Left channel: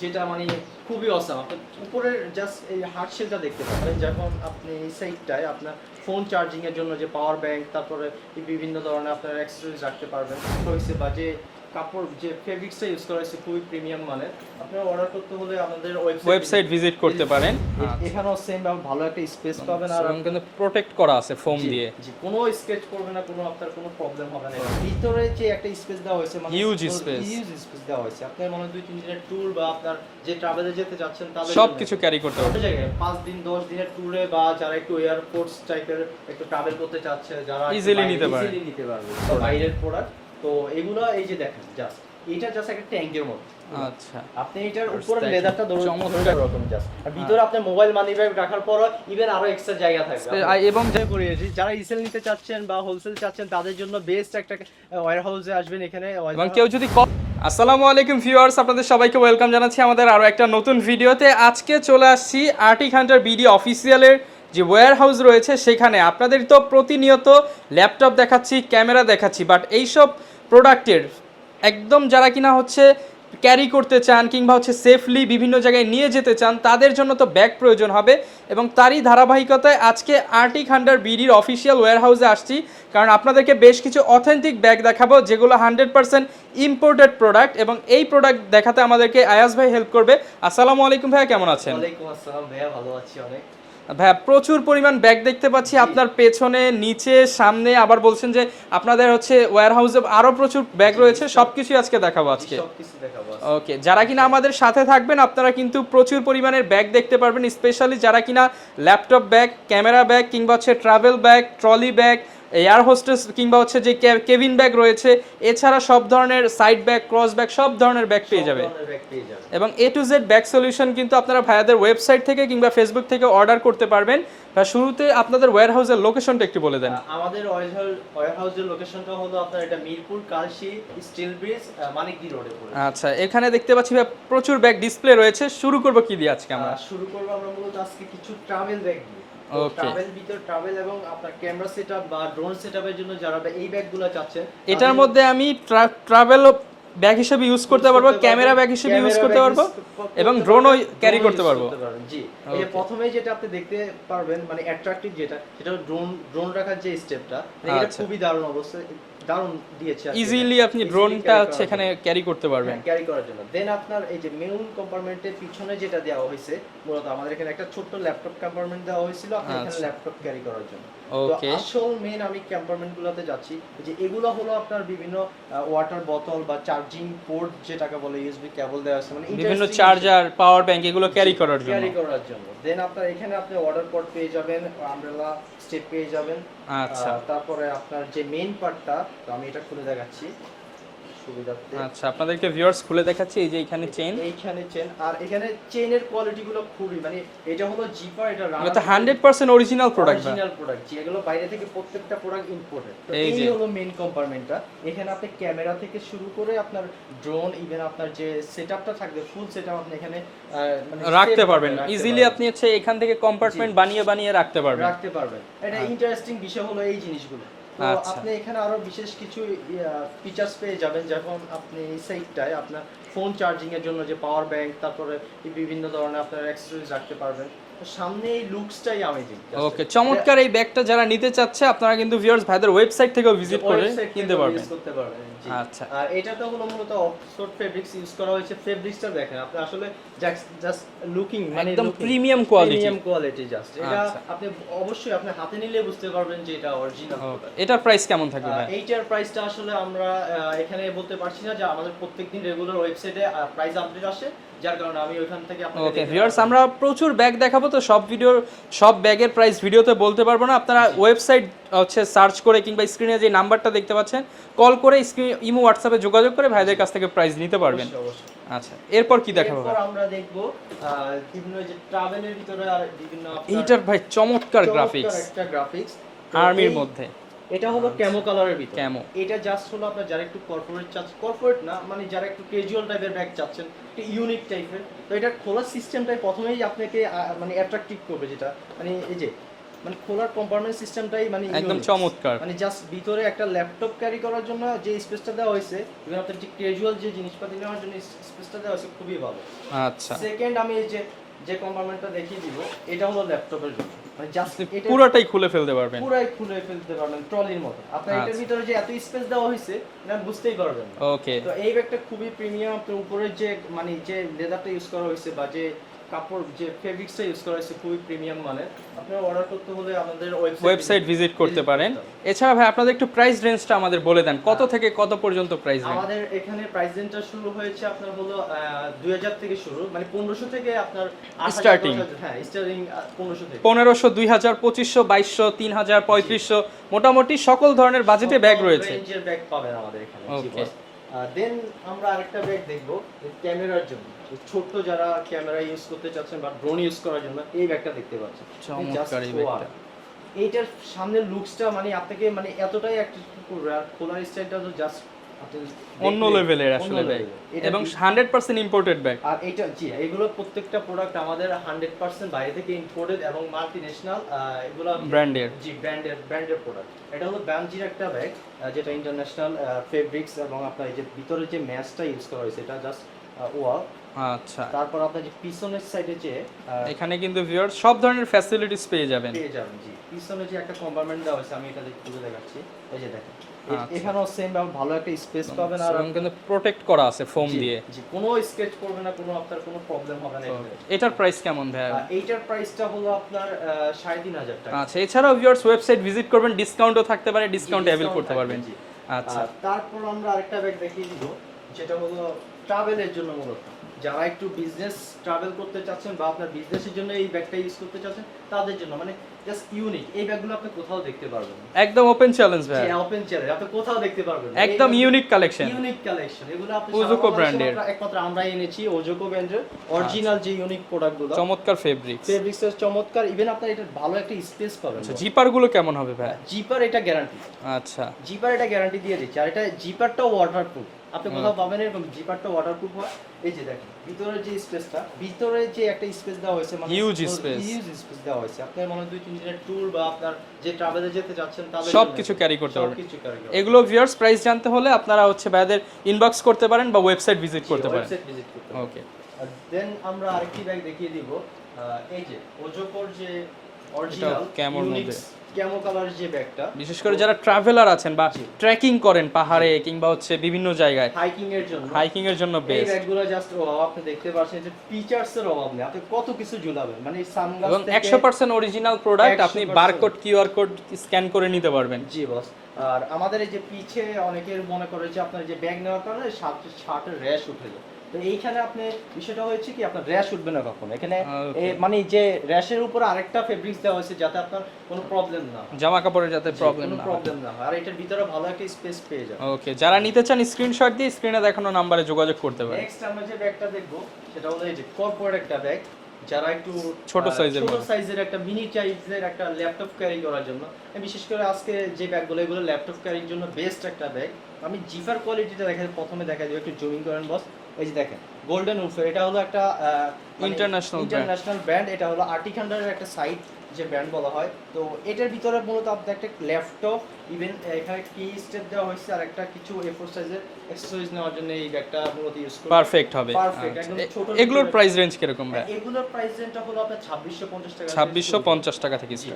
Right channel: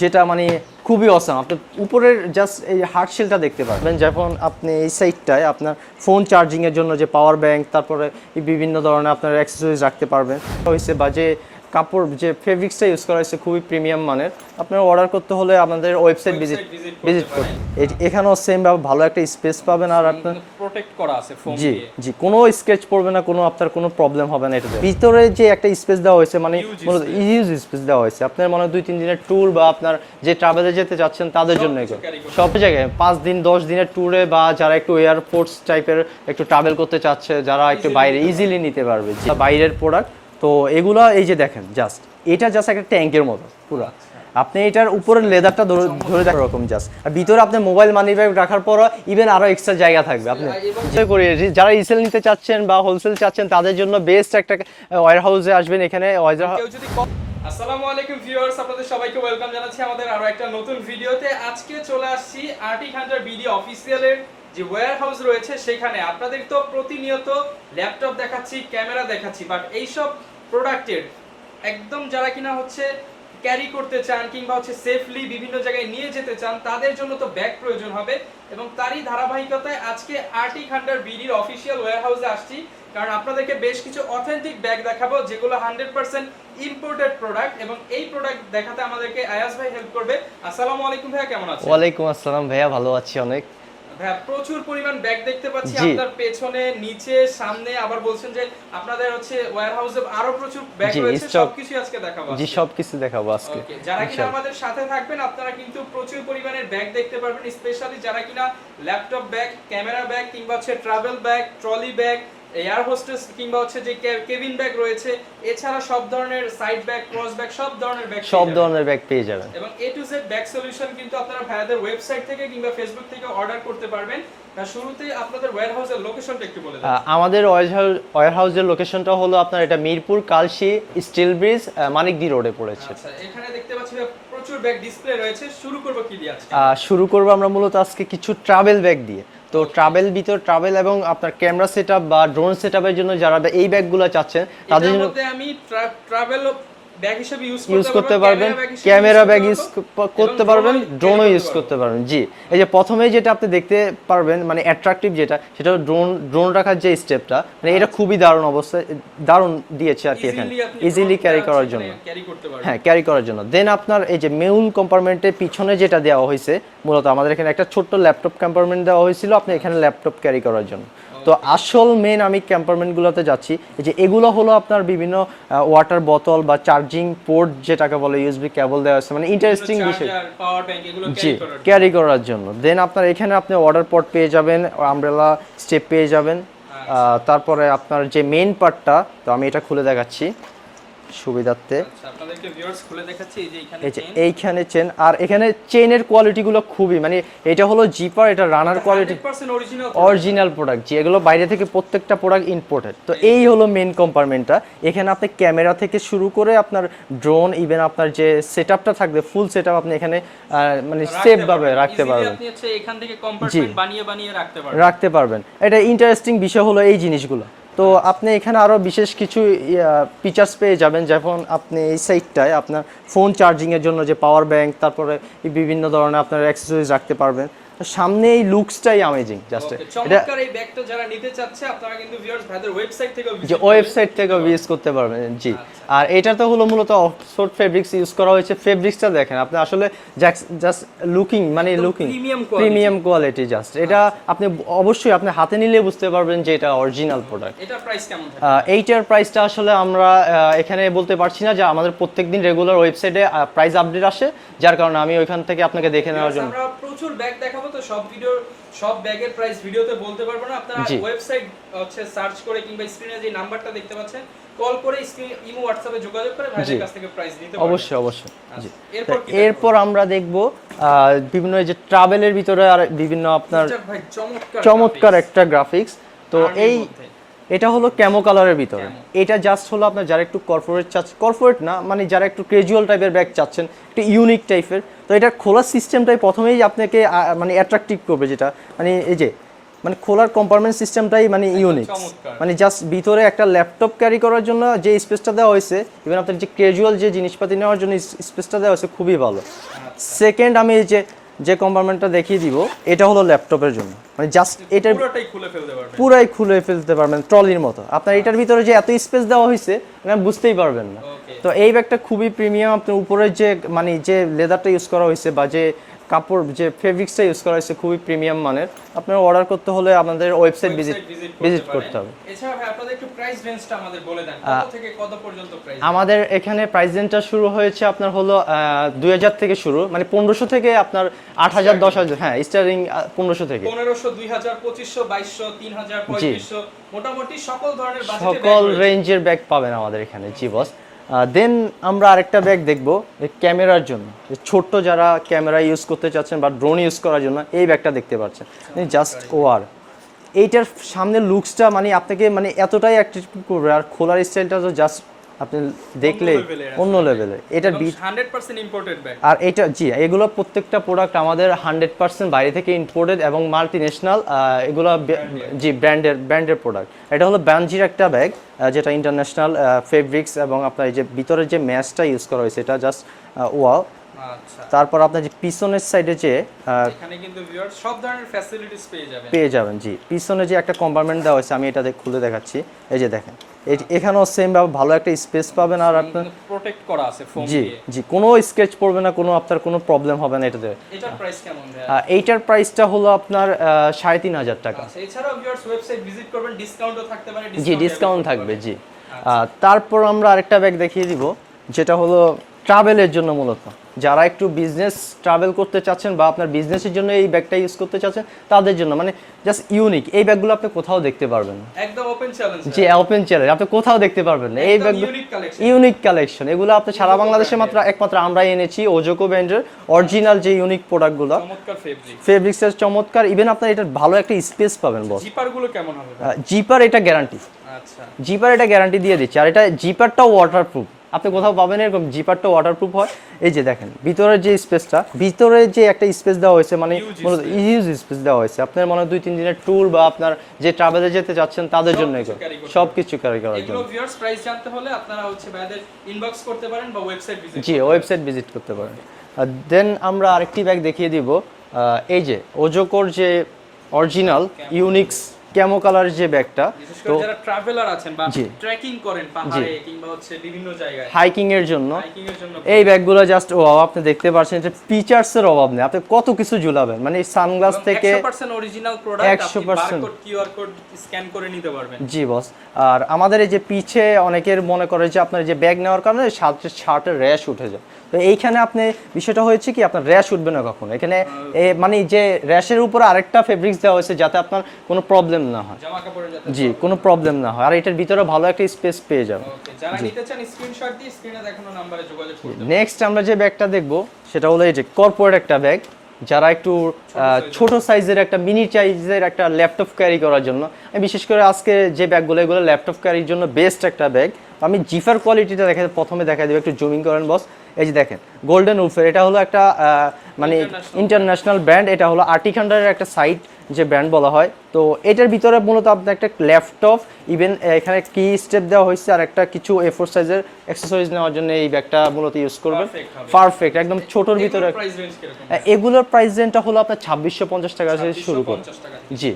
যেটা মানে খুবই অসাম আপনি উপরের জাস্ট এই হার্ড শেলটা দেখতে পাবেন যখন আপনি এই সাইডটায় আপনার ফোন চার্জিংয়ের জন্য যে পাওয়ার ব্যাংক তারপরে বিভিন্ন ধরনের আপনার অ্যাক্সেসরিজ রাখতে পারবেন। হয়েছে বা যে কাপড় যে ফেব্রিক্সটা ইউজ করা হয়েছে খুবই প্রিমিয়াম মানের। আপনারা অর্ডার করতে হলে আমাদের ওয়েবসাইট ওয়েবসাইট ভিজিট করতে পারেন। এখানেও সেম ভাবে ভালো একটা স্পেস পাবেন আর আপনার প্রোটেক্ট করা আছে ফোম দিয়ে। জি কোনো স্কেচ পড়বে না কোনো আপনার কোনো প্রবলেম হবে না এটা ভিতরে যে একটা স্পেস দেওয়া হয়েছে মানে ইউজ স্পেস দেওয়া হয়েছে। আপনার মনে হয় দুই তিন দিনের ট্যুর বা আপনার যে ট্রাভেলে যেতে যাচ্ছেন তাদের জন্য সব জায়গায় পাঁচ দিন দশ দিনের ট্যুরে বা যারা একটু এয়ারপোর্টস টাইপের একটু ট্রাভেল করতে চাচ্ছে যারা একটু বাইরে ইজিলি নিতে পারবে। বাইরের প্রোডাক্ট তো এগুলা এই যে দেখেন জাস্ট এটা জাস্ট একটা ট্যাঙ্কের মতো পুরো। আচ্ছা। আপনি এটার উপরের লেদারটা ধরে ধরে রাখার রকম জাস্ট আর ভিতরে আপনি মোবাইল মানি ব্যাগ রাখার পরও ইভেন আরও এক্সট্রা জায়গা থাকবে। আপনি এবং এবং করি যারা রিসেল নিতে চাচ্ছেন বা হোলসেল চাচ্ছেন তাদের জন্য বেস্ট একটা ওয়ার হাউসে আসবেন এখানে। কেউ যদি আসসালামু আলাইকুম ভিউয়ার্স আপনাদের সবাইকে ওয়েলকাম জানাচ্ছি আমাদের আরও একটা নতুন ভিডিওতে আজকে চলে আসছি আর্টিক হান্টার বিডি অফিসিয়ালের যে ওয়্যার হাউস রয়েছে সেখানে। আপনাদের তো প্রতিনিয়ত ল্যাপটপ দেখাচ্ছি ক্যামেরা দেখাচ্ছি বাট এইসব প্রোডাক্টের। একদম যারা কিনা হচ্ছে ক্যারি করতে চান কিংবা হচ্ছে সেফলি বিভিন্ন জায়গায় নিয়ে যেতে চান, তাদের জন্য তো ব্যাগ প্রয়োজন হবে এবং তারই ধারাবাহিকতায় আজকে আর্টিক হান্ডার বিডির অফিসিয়াল ওয়্যার হাউসে আসছি। কারণ আপনাদেরকে বেশ কিছু অথেন্টিক ব্যাগ দেখাবো, যেগুলো হান্ড্রেড পার্সেন্ট ইম্পোর্টেড প্রোডাক্ট এবং এই প্রোডাক্ট দেখাতে আমাদেরকে আয়াস ভাই হেল্প করবে। আসসালামু আলাইকুম ভাইয়া, কেমন আছেন? ওয়ালাইকুম আসসালাম ভাইয়া, ভালো আছি অনেক। ভাইয়া প্রচুর পরিমাণ ব্যাগ দেখতে পাচ্ছি আপনার পেছনে নিচে সামনে। আবার বলছেন যে আপনাদের হচ্ছে ওয়ারহাউসে আরও প্রচুর ব্যাগ রয়েছে। সবকিছু আজকে দেখাবো জি আজকে। সবকিছু দেখাবো আজকে। ওকে যারা কিনা আমাদের সাথে থাকবেন আপনারা কিন্তু প্রচুর পরিমাণের ব্যাগ দেখতে পারবেন স্পেশালি যারা কিনা ল্যাপটপ ব্যাগ ক্যামেরা ব্যাগ কিংবা হচ্ছে travel bag trolley bag air hostess কিংবা হচ্ছে যে কেবিন ব্যাগ রয়েছে এছাড়া সব ধরনের সাইড ব্যাগ ক্রস ব্যাগ সব ধরনের ব্যাগ সব ধরনের ব্যাগ পেয়ে যাবেন। এবং A to Z bag solution কিন্তু আপনারা ভাইয়াদের ওয়েবসাইট থেকে কিংবা ফেসবুক থেকে অর্ডার করতে পারবেন। বা শুরুতে আপনাদের ওয়্যার হাউসের লোকেশনটা একটু বলে দেন। আমাদের ওয়ার হাউসের লোকেশনটা হলো আপনার এটা মিরপুর কালশি স্টিল ব্রিজ মানিকদি রোডে পড়েছে। আচ্ছা এখানে দেখতে পাচ্ছি প্রচুর ব্যাগ ডিসপ্লে রয়েছে। শুরু করব কি দিয়ে আজকে শুরু করব আমরা মূলত আজকে কিছু ট্রাভেল ব্যাগ দিয়ে। তো ট্রাভেল ভিতর ট্রাভেল এবং আপনার ক্যামেরা সেটআপ বা ড্রোন সেটআপের জন্য যারা এই ব্যাগগুলো চাচ্ছেন তাদের এটার মধ্যে আমি ট্রাভেল ব্যাগ হিসেবে ইউজ করতে ইউজ পারব করতে ক্যামেরা ব্যাগ হিসেবে ক্যামেরা ব্যাগ ইউজ করতে পারবেন ড্রোনও ইউজ করতে পারবেন। জি। এই যে প্রথমেই যেটা আপনি দেখতে পারবেন মানে অ্যাট্রাকটিভ যেটা সেটা ড্রোন ড্রোন রাখার যে স্টেপটা মানে এটা আচ্ছা। খুবই দারুণ অবস্থায় দারুণ দিয়েছে আর কি ইজিলি আপনি ইজিলি ক্যারি করার জন্য। ক্যারি করতে পারবেন। হ্যাঁ ক্যারি করার জন্য। দেন আপনার এই যে মেউল কম্পার্টমেন্টের পিছনে যেটা দেওয়া হয়েছে মূলত আমাদের এখানে একটা ছোট্ট ল্যাপটপ কম্পার্টমেন্ট দেওয়া হয়েছিল আপনি এখানে ল্যাপটপ ক্যারি করার জন্য। তো। আসল মেন আমি ক্যাম্পারমেন্টগুলোতে যাচ্ছি যে এগুলো হলো আপনার বিভিন্ন ওয়াটার বোতল বা চার্জিং পোর্ট যেটাকে বলে ইউএসবি কেবল দেওয়া আছে মানে ইন্টারেস্টিং চার্জার পাওয়ার ব্যাংক এগুলো ক্যারি করার জন্য। ক্যারি করার জন্য দেন আপনার এখানে আপনি অর্ডার পট পেয়ে যাবেন আমব্রেলা স্টেপ পেয়ে যাবেন আচ্ছা। তারপরে আপনার যে মেন পার্টটা তো আমি এটা খুলে দেখাচ্ছি সুবিধার্থে। আচ্ছা আপনাদেরকে ভিউয়ার্স খুলে দেখাচ্ছি এই যে এখানে চেইন এইখানে চেন আর এখানে চেনের কোয়ালিটিগুলো খুবই মানে এটা হলো জিপার এটা runner quality 100% original product original product যেগুলো বাইরে থেকে প্রত্যেকটা প্রোডাক্ট ইম্পোর্টেড তো এই। হলো মেন কম্পার্টমেন্টটা এখানে আপনি ক্যামেরা থেকে শুরু করে আপনার ড্রোন ইভেন আপনার যে সেটআপটা থাকবে ফুল সেটআপ আপনি এখানে মানে সেভ রাখতে ভাবে পারবেন। রাখতে ইজিলি পারবেন। আপনি হচ্ছে এখান থেকে কম্পার্টমেন্ট বানিয়ে বানিয়ে রাখতে পারবেন। রাখতে পারবেন। এটা ইন্টারেস্টিং বিষয় হলো এই জিনিসগুলো। তো আচ্ছা। আপনি এখানে আরও বিশেষ কিছু ফিচার্স পেয়ে যাবেন যখন আপনি এই সাইটটায় আপনার ফোন চার্জিং এর জন্য যে পাওয়ার ব্যাংক তারপরে বিভিন্ন ধরনের আপনার অ্যাক্সেসরিজ রাখতে পারবেন সামনে এই লুকসটাই অ্যামেজিং জাস্ট ওকে চমৎকার এই ব্যাগটা যারা নিতে চাচ্ছে আপনারা কিন্তু ভিউয়ার্স ভাইদের ওয়েবসাইট থেকেও যে ভিজিট ওয়েবসাইট থেকে ইউজ করতে পারবেন জি। আচ্ছা। আর এটাতে হলো মূলত অক্সফোর্ড ফেব্রিক্স ইউজ করা হয়েছে। ফেব্রিক্সটা দেখেন আপনি আসলে জাস্ট লুকিং মানে looking premium quality। Premium quality just এটা আচ্ছা। আপনি অবশ্যই আপনি হাতে নিলে বুঝতে পারবেন যে এটা অরিজিনাল প্রোডাক্ট এটার প্রাইস কেমন আহ, এইটার প্রাইসটা আসলে আমরা এখানে বলতে পারছি না যে আমাদের প্রত্যেকদিন রেগুলার ওয়েবসাইটে প্রাইস আপডেট আসে। যার কারণে আমি ওইখান থেকে আপনাকে দেখে আমরা প্রচুর ব্যাগ দেখাবো তো সব ভিডিও সব ব্যাগের প্রাইস ভিডিওতে বলতে পারব না। আপনারা ওয়েবসাইট হচ্ছে সার্চ করে কিংবা স্ক্রিনে যে নাম্বারটা দেখতে পাচ্ছেন কল করে ইমো হোয়াটসঅ্যাপে যোগাযোগ করে ভাইদের কাছ থেকে প্রাইস নিতে পারবেন। অবশ্যই অবশ্যই। আচ্ছা এরপর কি এরপর আমরা দেখব বিভিন্ন যে ট্রাভেলের ভিতরে আর বিভিন্ন আপনার ভাই চমৎকার চমৎকার একটা গ্রাফিক্স তো এই মধ্যে। এটা হলো ক্যামো কালারের ভিতরে। এটা জাস্ট হলো আপনার যারা একটু কর্পোরেট চাচ্ছেন কর্পোরেট না মানে যারা একটু ক্যাজুয়াল টাইপের ব্যাগ চাচ্ছেন একটু ইউনিক টাইপের তো এটা খোলার সিস্টেমটাই প্রথমেই আপনাকে মানে অ্যাট্রাকটিভ করবে যেটা। মানে এই যে মানে খোলার কম্পার্টমেন্ট সিস্টেমটাই মানে ইউনিক চমৎকার। মানে জাস্ট ভিতরে একটা ল্যাপটপ ক্যারি করার জন্য যে স্পেসটা দেওয়া হয়েছে ইভেন আপনার যে ক্যাজুয়াল যে জিনিসপাতি নেওয়ার জন্য স্পেসটা দেওয়া হয়েছে খুবই ভালো। আচ্ছা। সেকেন্ড আমি এই যে যে কম্পার্টমেন্টটা দেখিয়ে দিব এটা হলো ল্যাপটপের জন্য। মানে জাস্ট এটা পুরোটাই খুলে ফেলতে পারবেন। পুরাই খুলে ফেলতে পারবেন ট্রলির মতো। আপনার এটার ভিতরে যে এত স্পেস দেওয়া হয়েছে মানে বুঝতেই পারবেন না। ওকে তো এই ব্যাগটা খুবই প্রিমিয়াম আপনার উপরে যে মানে যে লেদারটা ইউজ করা হয়েছে বা যে কাপড় যে ফেব্রিক্সটা ইউজ করা হয়েছে খুবই প্রিমিয়াম মানের আপনার অর্ডার করতে হলে আমাদের ওয়েবসাইট ওয়েবসাইট ভিজিট করতে পারেন। এছাড়া ভাই আপনাদের একটু প্রাইস রেঞ্জটা আমাদের বলে দেন। কত থেকে কত পর্যন্ত প্রাইস আমাদের এখানে প্রাইস রেঞ্জটা শুরু হয়েছে আপনার হলো দুই হাজার থেকে শুরু মানে পনেরোশো থেকে আপনার আট হাজার দশ হ্যাঁ স্টার্টিং পনেরোশো থেকে। পনেরোশো দুই হাজার পঁচিশশো বাইশশো তিন হাজার পঁয়ত্রিশশো মোটামুটি সকল ধরনের বাজেটে ব্যাগ রয়েছে। রেঞ্জের ব্যাগ পাবেন আমাদের এখানে জি বস দেন আমরা আরেকটা ব্যাগ দেখব ক্যামেরার জন্য। যে ছোট্ট যারা ক্যামেরা ইউজ করতে চাচ্ছেন বা ড্রোন ইউজ করার জন্য এই ব্যাগটা দেখতে পাচ্ছেন। জাস্ট ওয়ার। এইটার সামনে লুকসটা মানে আপনাকে মানে এতটাই অ্যাক্টিভ করবে আর খোলার স্টাইলটা তো জাস্ট আপনি দেখলে অন্য লেভেলের এটা এবং হান্ড্রেড পার্সেন্ট ইম্পোর্টেড ব্যাগ আর এটা জি এগুলো প্রত্যেকটা প্রোডাক্ট আমাদের হান্ড্রেড পার্সেন্ট বাইরে থেকে ইম্পোর্টেড এবং মাল্টি ন্যাশনাল এগুলো। জি ব্র্যান্ডের ব্র্যান্ডের প্রোডাক্ট এটা হলো ব্যানজির একটা ব্যাগ যেটা ইন্টারন্যাশনাল ফেব্রিক্স এবং আপনার এই যে ভিতরের যে ম্যাচটা ইউজ করা হয়েছে এটা জাস্ট ওয়াও আচ্ছা। তারপর আপনার যে পিছনের সাইডে যে এখানে কিন্তু ভিউয়ার সব ধরনের ফ্যাসিলিটিস পেয়ে যাবেন। পেয়ে যাবেন জি। পিছনে যে একটা কম্পার্টমেন্ট দেওয়া হয়েছে আমি এটা খুলে দেখাচ্ছি। এই যে দেখেন যে এখানেও সেম ভালো একটা স্পেস পাবেন আর আপনার প্রোটেক্ট করা আছে ফোম দিয়ে। জি কোনো স্কেচ পড়বে না কোনো আপনার কোনো প্রবলেম হবে না এটাতে। এটার প্রাইস কেমন ভাই এইটার প্রাইসটা হলো আপনার আহ, সাড়ে তিন হাজার টাকা। আচ্ছা এছাড়াও ভিউয়ার্স ওয়েবসাইট ভিজিট করবেন ডিসকাউন্টও থাকতে পারে ডিসকাউন্ট থাকবে জি। আচ্ছা। তারপর আমরা আরেকটা ব্যাগ দেখিয়ে দিব যেটা হলো ট্রাভেলের জন্য মূলত। যারা একটু বিজনেস ট্রাভেল করতে চাচ্ছেন বা আপনার বিজনেসের জন্য এই ব্যাগটা ইউজ করতে চাচ্ছেন তাদের জন্য মানে জাস্ট ইউনিক এই ব্যাগগুলো আপনি কোথাও দেখতে পারবেন। একদম ওপেন চ্যালেঞ্জ যে ওপেন চ্যালেঞ্জ আপনি কোথাও দেখতে পারবেন না। একদম ইউনিক কালেকশন ইউনিক কালেকশন এগুলো আপনি সারা বাংলাদেশে মাত্র একমাত্র আমরাই এনেছি ওজোকো ব্র্যান্ডের অরিজিনাল যে ইউনিক প্রোডাক্টগুলো চমৎকার ফেব্রিক ফেব্রিক্সের চমৎকার। ইভেন আপনার এটা ভালো একটা স্পেস পাবেন জিপারগুলো কেমন হবে জিপার এটা গ্যারান্টি আচ্ছা। জিপার এটা গ্যারান্টি দিয়ে দিচ্ছে। আর এটা জিপারটাও ওয়াটারপ্রুফ আপনি কোথাও পাবেন এরকম জিপারটা ওয়াটারপ্রুফ হয়। এই যে দেখেন ভিতরের যে স্পেসটা ভিতরে যে একটা স্পেস দেওয়া হয়েছে মানে ইউজ স্পেস দেওয়া হয়েছে। আপনার মনে দুই তিন দিনের ট্যুর বা আপনার যে ট্রাভেলে যেতে যাচ্ছেন তাদের জন্য সবকিছু সব কিছু ক্যারি করা এগুলো ভিউয়ার্স প্রাইস জানতে হলে আপনারা হচ্ছে ভাইদের ইনবক্স করতে পারেন বা ওয়েবসাইট ভিজিট জি করতে পারেন। ওয়েবসাইট ভিজিট করতে পারেন। দেন আমরা আরেকটি ব্যাগ দেখিয়ে দিব। এই যে ওজোকোর যে অরিজিনাল ইউনিক্স ক্যামো কালার যে ব্যাগটা বিশেষ করে যারা ট্রাভেলার আছেন বা ট্রেকিং করেন পাহাড়ে কিংবা হচ্ছে বিভিন্ন জায়গায়। হাইকিং এর জন্য। হাইকিং এর জন্য এই ব্যাগগুলো জাস্ট ও আপনি দেখতে পাচ্ছেন যে ফিচার্স এর অভাব নেই। আপনি কত কিছু ঝুলাবেন। মানে সানগ্লাস থেকে 100% অরিজিনাল প্রোডাক্ট আপনি বারকোড কিউআর কোড স্ক্যান করে নিতে পারবেন। জি বস আর আমাদের এই যে পিছে অনেকের মনে করে যে আপনার যে ব্যাগ নেওয়ার কারণে শার্টের র্যাশ উঠে যায়। তো এইখানে আপনি বিষয়টা হয়েছে কি আপনার র্যাশ উঠবে না কখনো। এখানে মানে যে র্যাশের উপরে আরেকটা ফেব্রিক্স দেওয়া হয়েছে যাতে আপনার কোনো প্রবলেম না হয়। জামা কাপড়ের যাতে জি কোনো প্রবলেম না হয়। আর এটার ভিতরে ভালো একটা স্পেস পেয়ে যাবে ওকে যারা নিতে চান স্ক্রিনশট দিয়ে স্ক্রিনে দেখানো নম্বরে যোগাযোগ করতে পারেন। নেক্সট আমরা যে ব্যাগটা দেখব সেটা হলো এই যে কর্পোরেট একটা ব্যাগ যারা একটু ছোট সাইজের একটা মিনি সাইজের একটা ল্যাপটপ ক্যারি করার জন্য। বিশেষ করে আজকে যে ব্যাগগুলো এগুলো ল্যাপটপ ক্যারির জন্য বেস্ট একটা ব্যাগ আমি জিফার কোয়ালিটিটা দেখা প্রথমে দেখা দেবো একটু জুমিং করেন বস এই যে দেখেন গোল্ডেন উফের এটা হলো একটা মানে ইন্টারন্যাশনাল ব্র্যান্ড এটা হলো আর্টিখান্ডারের একটা সাইট যে ব্র্যান্ড বলা হয়। তো এটার ভিতরে মূলত আপনার একটা ল্যাপটপ ইভেন এখানে কি স্টেপ দেওয়া হয়েছে আর একটা কিছু এ ফোর সাইজের অ্যাক্সেসরিজ নেওয়ার জন্য এই ব্যাগটা মূলত ইউজ করবে। পারফেক্ট হবে। পারফেক্ট একদম ছোট এগুলোর ভিতরে। প্রাইস রেঞ্জ কীরকম এগুলোর প্রাইস রেঞ্জটা হলো আপনার ছাব্বিশশো পঞ্চাশ টাকা থেকে ছাব্বিশশো শুরু। পঞ্চাশ টাকা থেকে জি।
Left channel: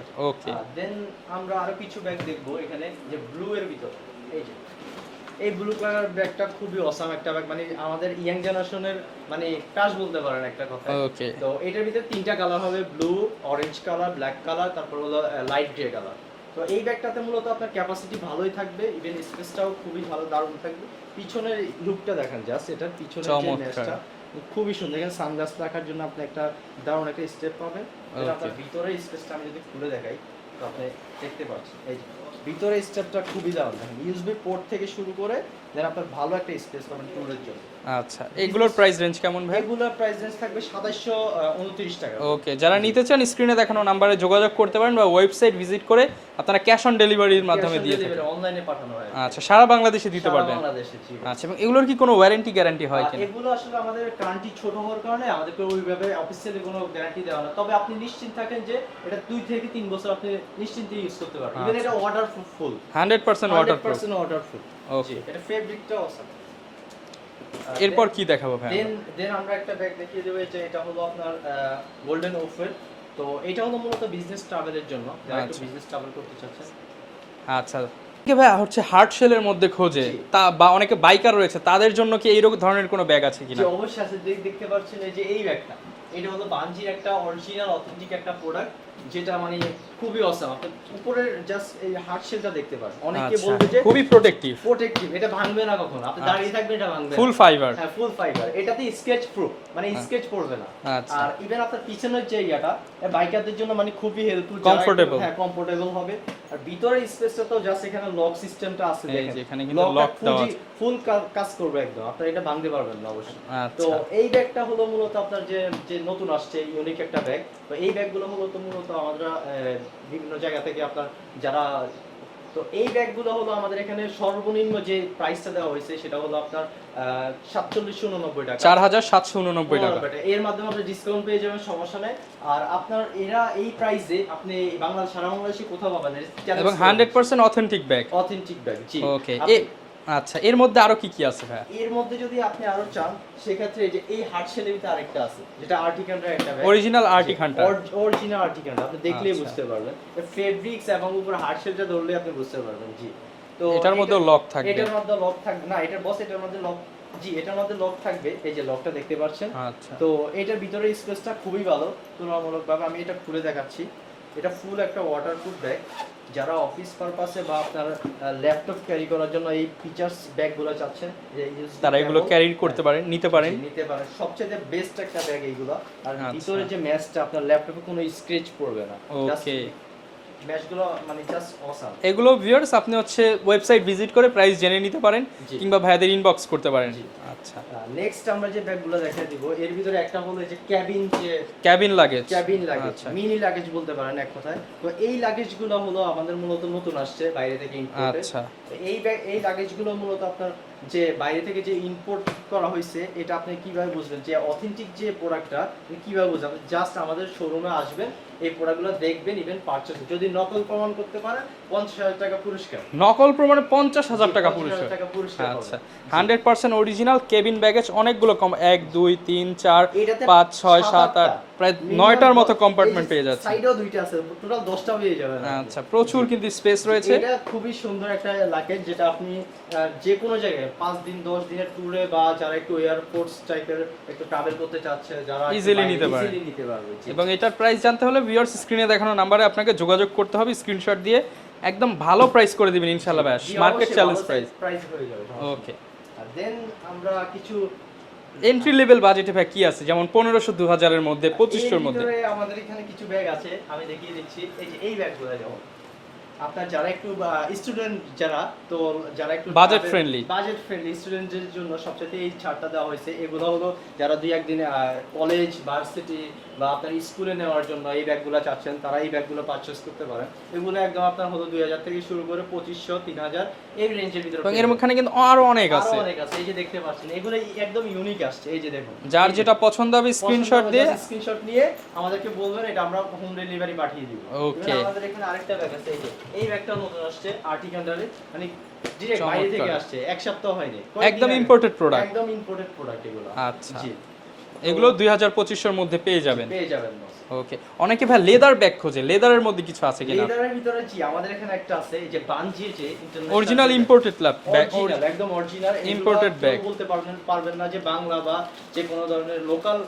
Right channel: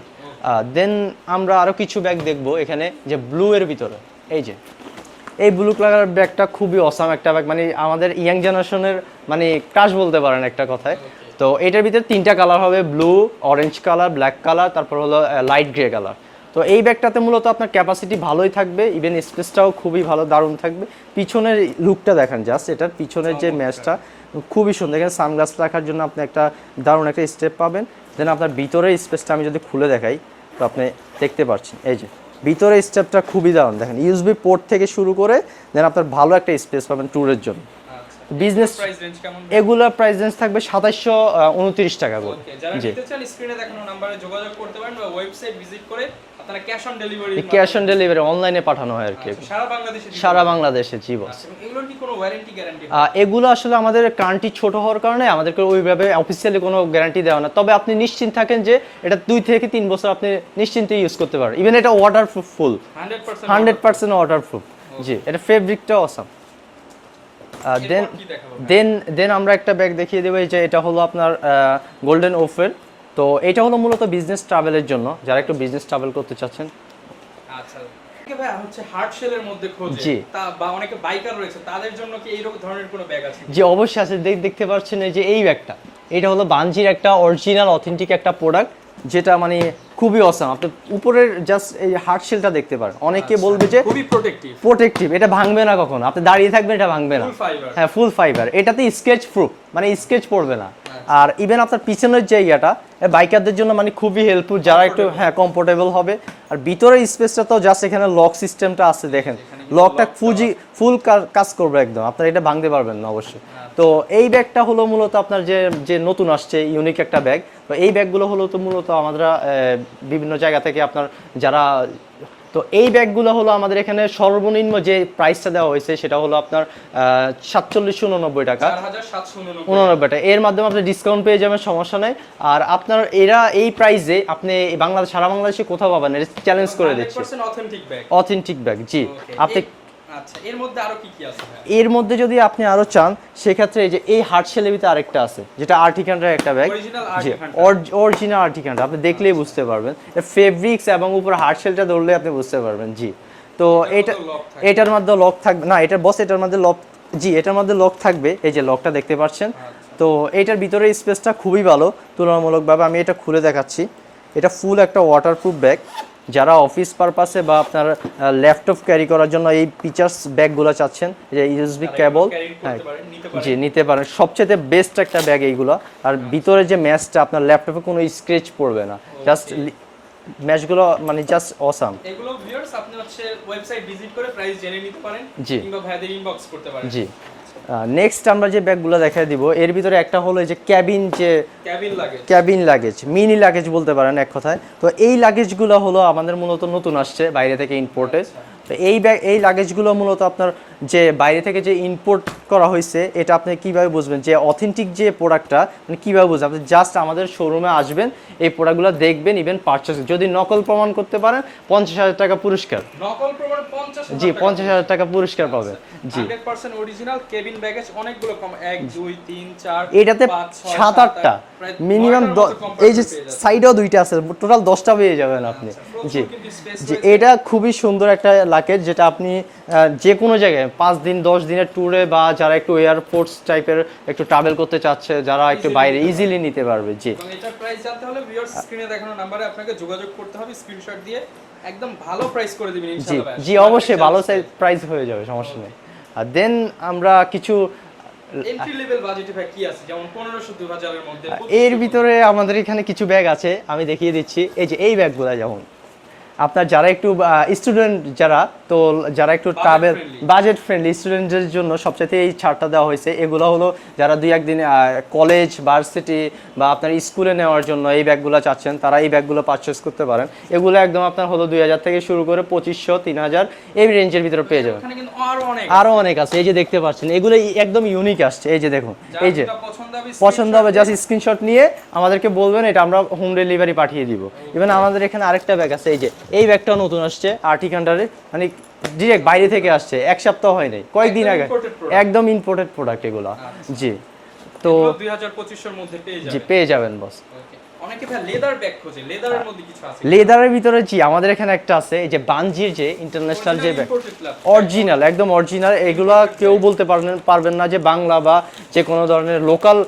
দেন আমরা আরও কিছু ব্যাগ দেখব এখানে যে ব্লু এর ভিতরে। এই যে এই ব্লু কালার ব্যাগটা খুবই অসাম একটা ব্যাগ মানে আমাদের ইয়াং জেনারেশনের মানে ক্রাশ বলতে পারেন একটা কথায়। তো এটার ভিতরে তিনটা কালার হবে blue orange colour black colour তারপর হলো লাইট গ্রে কালার তো এই ব্যাগটাতে মূলত আপনার ক্যাপাসিটি ভালোই থাকবে ইভেন স্পেসটাও খুবই ভালো দারুণ থাকবে। পিছনের লুকটা দেখেন জাস্ট এটার পিছনের যে ম্যাচটা খুবই সুন্দর। এখানে সানগ্লাস রাখার জন্য আপনি একটা দারুণ একটা স্টেপ পাবেন। দেন আপনার ভিতরের স্পেসটা আমি যদি খুলে দেখাই তো আপনি দেখতে পাচ্ছেন এই যে। ভিতরের স্টেপটা খুবই দারুণ দেখেন ইউএসবি পোর্ট থেকে শুরু করে দেন আপনার ভালো একটা স্পেস পাবেন ট্যুরের জন্য। আচ্ছা বিজনেস প্রাইস রেঞ্জ কেমন? এগুলোর প্রাইস রেঞ্জ থাকবে সাতাইশশো উনত্রিশ টাকা ওকে যারা নিতে চান স্ক্রিনে দেখানো নম্বরে যোগাযোগ করতে পারেন বা ওয়েবসাইট ভিজিট করে আপনারা cash on delivery cash on delivery অনলাইনে পাঠানো হয় আর কি। আচ্ছা সারা বাংলাদেশে সারা বাংলাদেশে জি আচ্ছা এবং এগুলোর কি কোনো ওয়ারেন্টি গ্যারান্টি হয় এগুলো আসলে আমাদের কারেন্টি ছোট হওয়ার কারণে আমাদেরকে ওইভাবে অফিসিয়ালি কোনো গ্যারান্টি দেওয়া না। তবে আপনি নিশ্চিন্ত থাকেন যে এটা দুই থেকে তিন বছর আপনি নিশ্চিন্তে ইউজ করতে পারেন ইভেন এটা water full hundred percent hundred percent waterproof জি এটা ফেব্রিকটা অসাম এরপর কি দেখাবো দেন দেন আমরা একটা ব্যাগ দেখিয়ে দেবো এই যে এটা হলো আপনার গোল্ডেন ওফের তো এটা হলো মূলত বিজনেস ট্রাভেলের জন্য যারা একটু বিজনেস ট্রাভেল করতে চাচ্ছেন। আচ্ছা। ভাই হচ্ছে হার্ড শেলের মধ্যে খোঁজে তা বা অনেকে বাইকার রয়েছে তাদের জন্য কি এইরকম ধরনের কোনো ব্যাগ আছে যে অবশ্যই আছে। দেখ- দেখতে পাচ্ছেন এই যে এই ব্যাগটা এটা হলো বানজির একটা অরিজিনাল অথেন্টিক একটা প্রোডাক্ট যেটা মানে খুবই অসাম আপনি উপরের জাস্ট এই হার্ড শেলটা দেখতে পারেন। অনেকে আচ্ছা, বলবে যে খুবই প্রোটেক্টিভ প্রোটেক্টিভ এটা ভাঙবে না কখনো। আপনি দাঁড়িয়ে থাকবেন এটা ভাঙবে না। ফুল ফাইবার হ্যাঁ ফুল ফাইবার এটাতে স্কেচ প্রুফ মানে স্কেচ পড়বে না। আচ্ছা। আর ইভেন আপনার পিছনের যে ইয়াটা বাইকারদের জন্য মানে খুবই হেল্পফুল যারা একটু হ্যাঁ কমফোর্টেবল হবে। আর ভিতরের স্পেসটা তো জাস্ট এখানে লক সিস্টেমটা আছে দেখেন। লকটা ফুজি ফুল কাজ করবে একদম। আপনার এটা ভাঙতে পারবেন না অবশ্যই। আচ্ছা। তো এই ব্যাগটা হলো মূলত আপনার যে যে নতুন আসছে ইউনিক একটা ব্যাগ তো এই ব্যাগগুলো হলো তো মূলত আমরা বিভিন্ন জায়গা থেকে আপনার যারা তো এই ব্যাগগুলো হলো আমাদের এখানে সর্বনিম্ন যে প্রাইসটা দেওয়া হয়েছে সেটা হলো আপনার সাতচল্লিশশো উননব্বই টাকা। চার হাজার সাতশো উননব্বই টাকা। এর মাধ্যমে আপনি ডিসকাউন্ট পেয়ে যাবেন সমস্যা নেই। আর আপনার এরা এই প্রাইসে আপনি বাংলাদেশ সারা বাংলাদেশে কোথাও পাবেন চ্যালেঞ্জ করে hundred percent authentic bag authentic bag জি। আপনি আচ্ছা এর মধ্যে আরও কি কি আছে এর মধ্যে যদি আপনি আরও চান সেক্ষেত্রে এই যে এই হার্ট শেলেবিতে আরেকটা আছে যেটা আর্টিকানটার একটা ব্যাগ অরিজিনাল আর্টি অরিজিনাল আর্টিকানটা আপনি দেখলেই আচ্ছা। বুঝতে পারবেন। ফেব্রিক্স এবং উপর হার্ট শেলটা ধরলে আপনি বুঝতে পারবেন জি। তো এটার এটা এটার মধ্যে লক থাকবে। না এটার বস এটার মধ্যে লক জি এটার মধ্যে লক থাকবে। এই যে লকটা দেখতে পাচ্ছেন। আচ্ছা। তো এটার ভিতরে স্পেসটা খুবই ভালো। তুলনামূলকভাবে আমি এটা খুলে দেখাচ্ছি। এটা ফুল একটা ওয়াটারপ্রুফ ব্যাগ যারা অফিস পারপাসে বা আপনার ল্যাপটপ ক্যারি করার জন্য এই পিচার্স ব্যাগগুলো চাচ্ছেন যে ইউএসবি কেবল ক্যারি করতে পারেন নিতে পারেন। জি নিতে পারেন। সবচেয়ে বেস্ট একটা ব্যাগ এইগুলো। আর ভিতরে যে ম্যাচটা আপনার ল্যাপটপে কোনো স্ক্র্যাচ পড়বে না। জাস্ট. ম্যাচগুলো মানে জাস্ট অসাম এগুলো ভিউয়ার্স আপনি হচ্ছে ওয়েবসাইট ভিজিট করে প্রাইস জেনে নিতে পারেন। কিংবা ভাইয়াদের ইনবক্স করতে পারেন। জি। আচ্ছা। নেক্সট আমরা যে ব্যাগগুলো দেখাই দিব এর ভিতরে একটা হলো এই যে ক্যাবিন যে ক্যাবিন লাগে ক্যাবিন লাগেজ মিনি লাগেজ বলতে পারেন এক কথায়। তো এই লাগেজগুলো হলো আমাদের মূলত নতুন আসছে বাইরে থেকে ইম্পোর্টেড আচ্ছা। তো এই ব্যাগ এই লাগেজগুলো মূলত আপনার যে বাইরে থেকে যে ইম্পোর্ট করা হয়েছে এটা আপনি কীভাবে বুঝবেন? যে অথেন্টিক যে প্রোডাক্টটা মানে কীভাবে বুঝবেন? আপনি জাস্ট আমাদের শোরুমে আসবেন এই প্রোডাক্টগুলো দেখবেন ইভেন পারচেস যদি নকল প্রমাণ করতে পারেন পঞ্চাশ হাজার টাকা পুরস্কার। নকল প্রমাণে পঞ্চাশ হাজার পঞ্চাশ হাজার টাকা পুরস্কার পাবেন। Hundred percent original cabin baggage অনেকগুলো কম এক দুই তিন চার এটাতে পাঁচ ছয় সাত সাত আটটা। সাইডেও দুইটা আছে টোটাল দশটা পেয়ে যাবেন আপনি। আচ্ছা প্রচুর কিন্তু স্পেস রয়েছে। এটা খুবই সুন্দর একটা লাকেজ যেটা আপনি যে কোনো জায়গায় পাঁচ দিন দশ দিনের ট্যুরে বা যারা একটু এয়ারপোর্টস টাইপের একটু ট্রাভেল করতে চাচ্ছে যারা একটু বাইরে ইজিলি নিতে পারবে জি। এবং এটার প্রাইস জানতে হলে ভিউয়ার্স স্ক্রিনে দেখানো নাম্বারে আপনাকে যোগাযোগ করতে হবে স্ক্রিনশট দিয়ে একদম ভালো প্রাইস করে দিবেন ইনশাআল্লাহ জি অবশ্যই ভালো প্রাইস হয়ে যাবে সমস্যা নেই। আর দেন আমরা কিছু এন্ট্রি লেভেল বাজেটে ভাই কি আছে? যেমন পনেরোশো দু হাজারের মধ্যে এর ভিতরে আমাদের এখানে কিছু ব্যাগ আছে আমি দেখিয়ে দিচ্ছি। এই যে এই ব্যাগগুলো যেমন আপনার যারা একটু স্টুডেন্ট যারা তো যারা একটু ট্রাভেল বাজেট ফ্রেন্ডলি স্টুডেন্টদের জন্য সবচেয়ে এই ছাড়টা দেওয়া হয়েছে। এগুলো হলো যারা দুই একদিন কলেজ ভার্সিটি বা আপনার স্কুলে নেওয়ার জন্য এই ব্যাগগুলো চাচ্ছেন তারা এই ব্যাগগুলো পারচেস করতে পারেন। এগুলো একদম আপনার হলো দুই হাজার থেকে শুরু করে পঁচিশশো তিন হাজার এই রেঞ্জের ভিতরে পেয়ে যাবেন। কিন্তু আরও অনেক আরও অনেক আছে। এই যে দেখতে পাচ্ছেন এগুলো একদম ইউনিক আসছে। এই যে দেখুন এই যে পছন্দ হবে পছন্দ হবে জাস্ট স্ক্রিনশট নিয়ে আমাদেরকে বলবেন এটা আমরা হোম ডেলিভারি পাঠিয়ে দিব। ইভেন আমাদের এখানে আরেকটা ব্যাগ আছে এই যে এই ব্যাগটা নতুন আসছে আর্টিক আন্ডারে মানে ডিরেক্ট বাইরে থেকে আসছে এক সপ্তাহ হয় নাই। কয়েকদিন একদম আগে। একদম ইম্পোর্টেড প্রোডাক্ট এগুলো। আচ্ছা। জি। তো তো এগুলো দুই হাজার পঁচিশশোর মধ্যে পেয়ে যাবেন। পেয়ে যাবেন বস ওকে। অনেকে ভাই লেদার ব্যাগ খোঁজে। লেদারের মধ্যে কিছু আছে লেদারের ভিতরে জি আমাদের এখানে একটা আছে যে বানজির যে international original imported lab original একদম অরিজিনাল এগুলো কেউ বলতে পারবেন পারবেন না যে বাংলা বা যে কোনো ধরনের লোকাল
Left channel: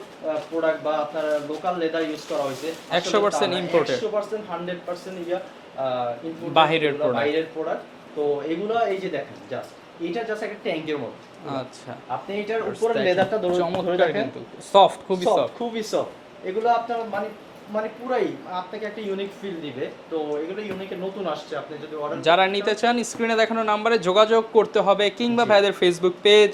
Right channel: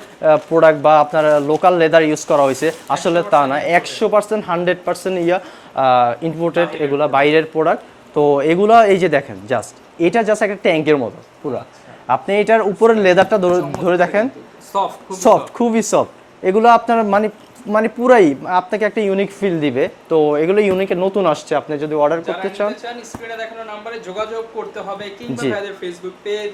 প্রোডাক্ট বা আপনার লোকাল লেদার ইউজ করা হয়েছে। আসলে তা 100% না imported। একশো percent hundred percent yeah imported এগুলো বাইরের প্রোডাক্ট তো এগুলো এই যে দেখেন জাস্ট এটা জাস্ট একটা ট্যাঙ্কের মতো পুরো। আচ্ছা। আপনি এটার উপরের লেদারটা ধরে দেখেন। সফট সফট খুবই সফট এগুলো আপনার মানে মানে পুরাই আপনাকে একটা ইউনিক ফিল দিবে। তো এগুলো ইউনিকে নতুন আসছে আপনি যদি অর্ডার যারা করতে চান। নিতে চান স্ক্রিনে দেখানো নম্বরে যোগাযোগ করতে হবে কিংবা। ভাইদের ফেসবুক পেজ